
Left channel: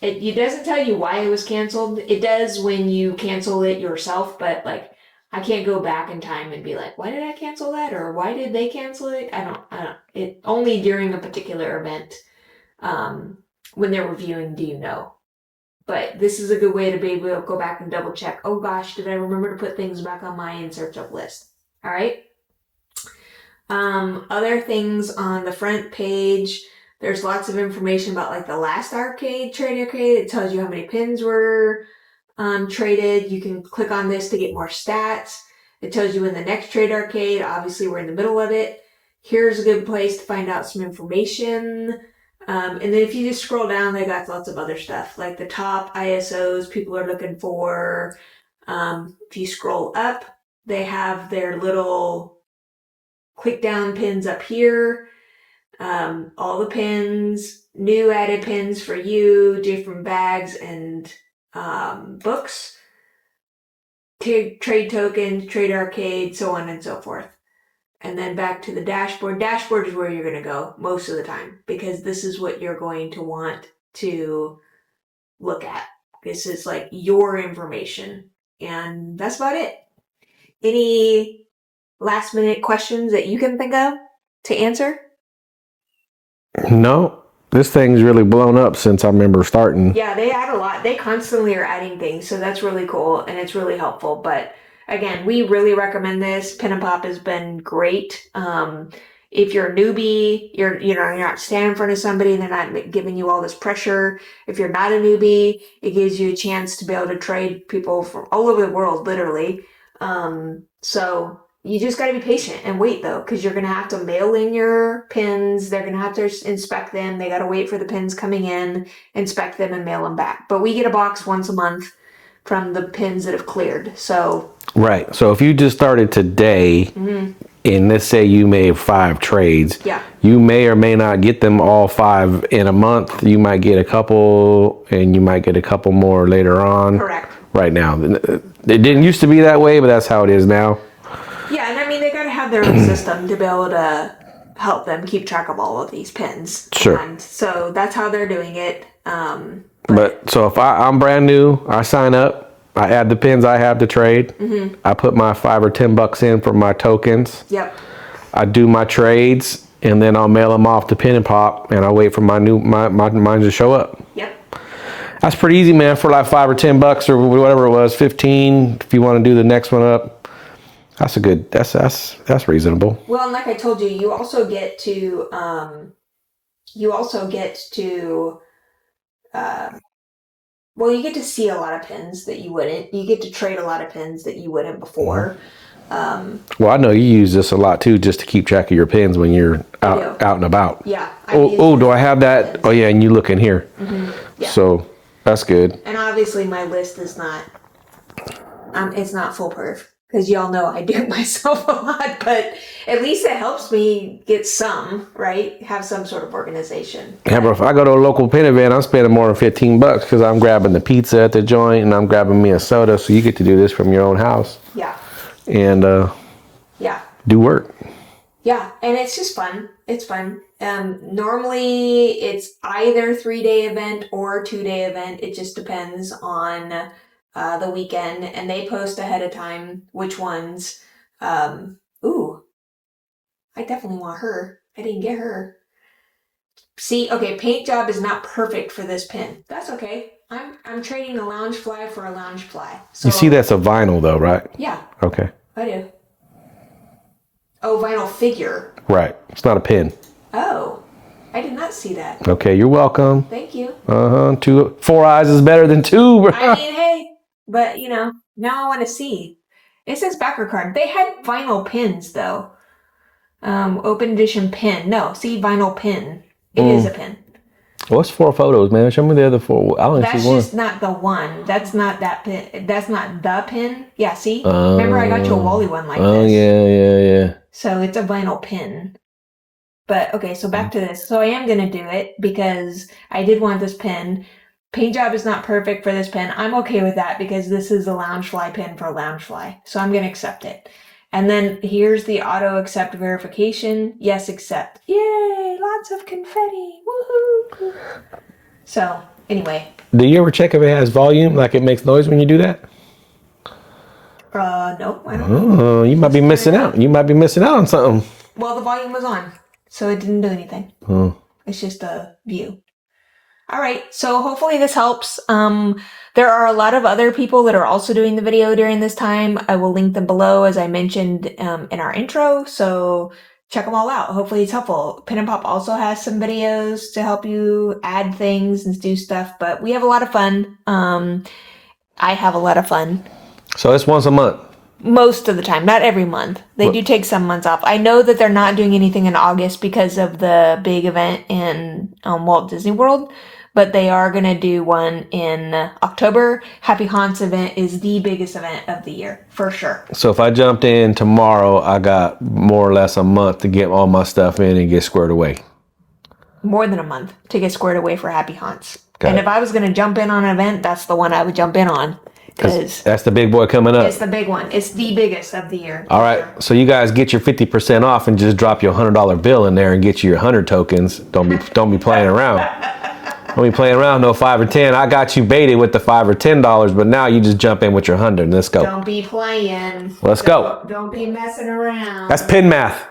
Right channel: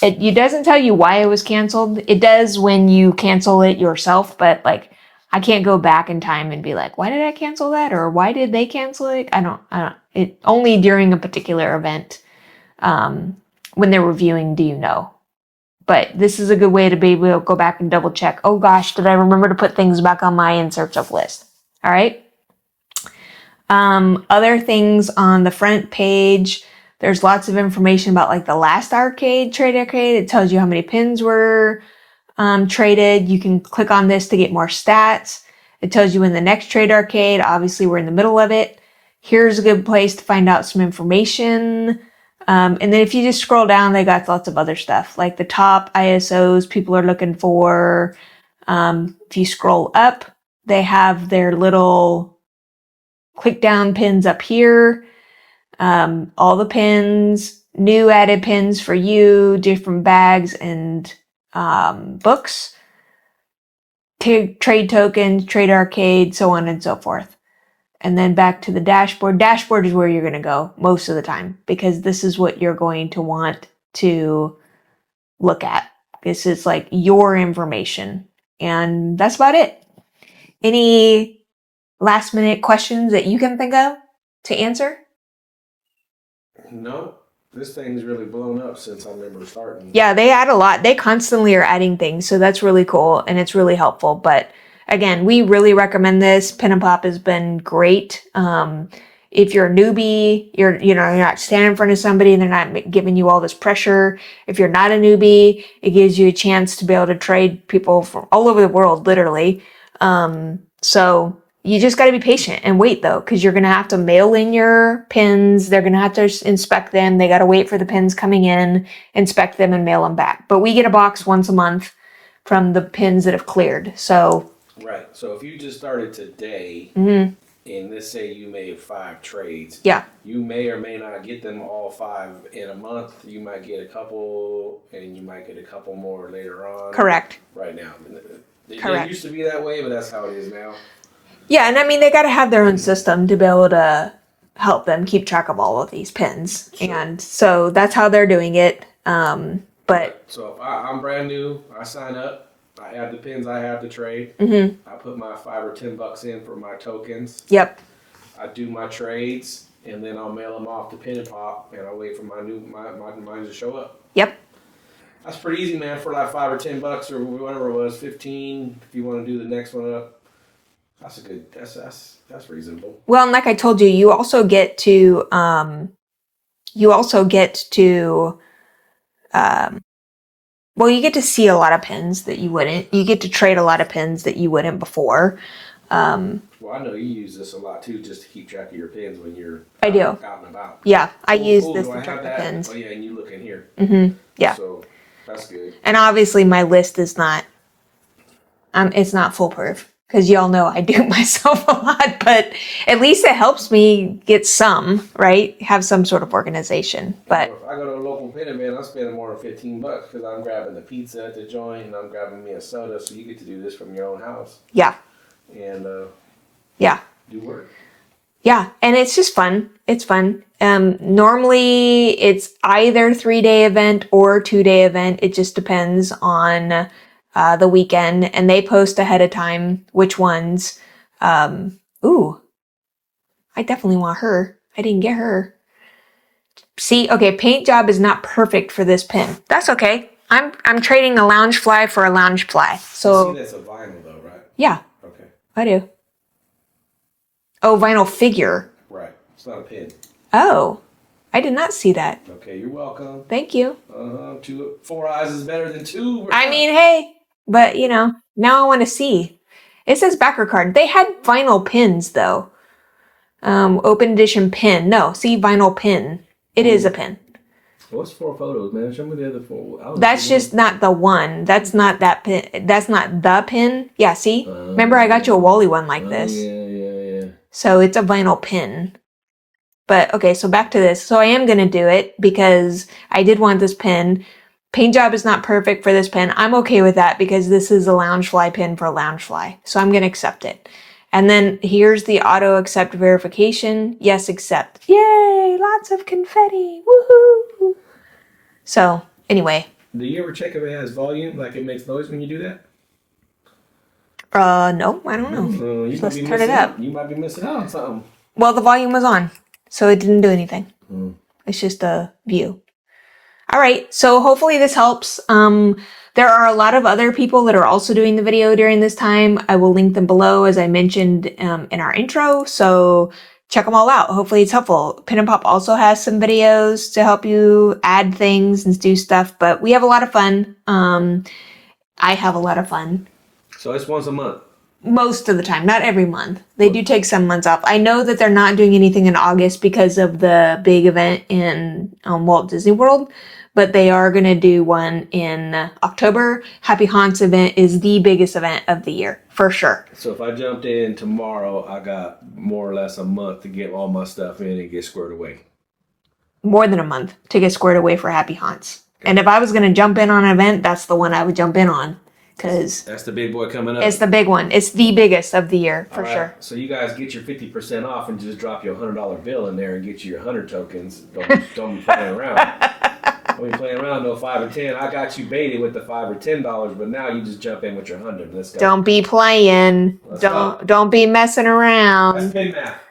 It doesn't tell you why it was canceled. It does when you cancel it yourself, but like I can't go back in time and be like, why did I cancel that? Or why did they cancel it? I don't, it only during a particular event. when they're reviewing Do You Know. But this is a good way to be able to go back and double check. Oh gosh, did I remember to put things back on my in search of list? All right. Other things on the front page, there's lots of information about like the last trade arcade. It tells you how many pins were traded. You can click on this to get more stats. It tells you when the next trade arcade, obviously we're in the middle of it. Here's a good place to find out some information. And then if you just scroll down, they got lots of other stuff like the top ISOs people are looking for. If you scroll up, they have their little click down pins up here. All the pins, new added pins for you, different bags and books, trade tokens, trade arcade, so on and so forth. And then back to the dashboard. Dashboard is where you're going to go most of the time because this is what you're going to want to look at. This is like your information. And that's about it. Any last minute questions that you can think of to answer? No, this thing's really blown up since I remember starting. Yeah, they add a lot. They constantly are adding things. So that's really cool and it's really helpful. But again, we really recommend this. Pin and Pop has been great. If you're a newbie, you're not standing in front of somebody and they're not giving you all this pressure. If you're not a newbie, it gives you a chance to be able to trade people from all over the world, literally. So you just got to be patient and wait though, because you're going to have to mail in your pins. They're going to have to inspect them. They got to wait for the pins coming in, inspect them and mail them back. But we get a box once a month from the pins that have cleared. So right. So if you just started today, and let's say you made 5 trades, yeah, you may or may not get them all 5 in a month. You might get a couple, and you might get a couple more later on. Correct. Right now, it didn't used to be that way, but that's how it is now. Yeah, and I mean they got to have their own system to be able to help them keep track of all of these pins. Sure. And so that's how they're doing it. But so if I'm brand new, I sign up. I add the pins I have to trade. I put my $5 or $10 in for my tokens. Yep. I do my trades, and then I'll mail them off to Pin and Pop, and I wait for mine to show up. Yep. That's pretty easy, man. For like $5 or $10 or whatever it was, 15. If you want to do the next one up, that's a good. That's reasonable. Well, and like I told you, you also get to well, you get to see a lot of pins that you wouldn't. You get to trade a lot of pins that you wouldn't before. Well, I know you use this a lot too, just to keep track of your pins when you're out and about. Yeah, I use. Oh, do I have that? Pins. Oh, yeah, and you look in here. Yeah. So that's good. And obviously, my list is not. It's not foolproof because y'all know I do it myself a lot, but at least it helps me get some, right? Have some sort of organization. Yeah, bro, if I go to a local pin event, I'm spending more than $15 because I'm grabbing the pizza at the joint and I'm grabbing me a soda. So you get to do this from your own house. Yeah. And yeah, do work. Yeah, and it's just fun. It's fun. Normally it's either 3-day event or 2-day event. It just depends on the weekend, and they post ahead of time which ones. Ooh, I definitely want her. I didn't get her. See, okay, paint job is not perfect for this pin. That's okay. I'm trading a Loungefly for a Loungefly. So you see that's a vinyl though, right? Yeah. Okay. I do. Oh, vinyl figure. Right. It's not a pin. Oh, I did not see that. Okay, you're welcome. Thank you. 4 eyes is better than 2. Bro. I mean, hey, but now I want to see. It says backer card. They had vinyl pins though. Open edition pin. No, see vinyl pin. It is a pin. What's 4 photos, man? Show me the other 4. I only That's see one. just not the one. That's not that pin. That's not the pin. Yeah, see? Remember I got you a Wally one like this. Yeah. So it's a vinyl pin. But okay, so back to this. So I am going to do it because I did want this pin. Paint job is not perfect for this pin. I'm okay with that because this is a Loungefly pin for Loungefly. So I'm going to accept it. And then here's the auto accept verification. Yes, accept. Yay! Lots of confetti. Woohoo! So anyway. Do you ever check if it has volume? Like it makes noise when you do that? No, I don't know. Oh, you might be missing out. You might be missing out on something. Well, the volume was on, so it didn't do anything. Oh. It's just a view. All right. So hopefully this helps. There are a lot of other people that are also doing the video during this time. I will link them below, as I mentioned in our intro. So check them all out. Hopefully it's helpful. Pin and Pop also has some videos to help you add things and do stuff, but we have a lot of fun. I have a lot of fun. So it's once a month. Most of the time, not every month. They do take some months off. I know that they're not doing anything in August because of the big event in Walt Disney World, but they are going to do one in October. Happy Haunts event is the biggest event of the year, for sure. So if I jumped in tomorrow, I got more or less a month to get all my stuff in and get squared away. More than a month to get squared away for Happy Haunts. Got and it. if I was going to jump in on an event, that's the one I would jump in on. Because that's the big boy coming up. It's the big one. It's the biggest of the year. All right. Sure. So you guys get your 50% off and just drop your $100 bill in there and get you your 100 tokens. Don't be playing around. Don't be playing around. No 5 or 10. I got you baited with the $5 or $10, but now you just jump in with your 100. Let's go. Don't be playing. Let's go. Don't be messing around. That's pin math.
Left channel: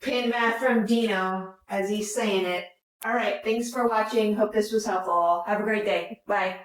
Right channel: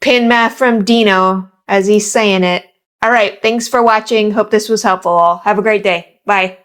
Pin math from Dino, as he's saying it. All right. Thanks for watching. Hope this was helpful. Have a great day. Bye.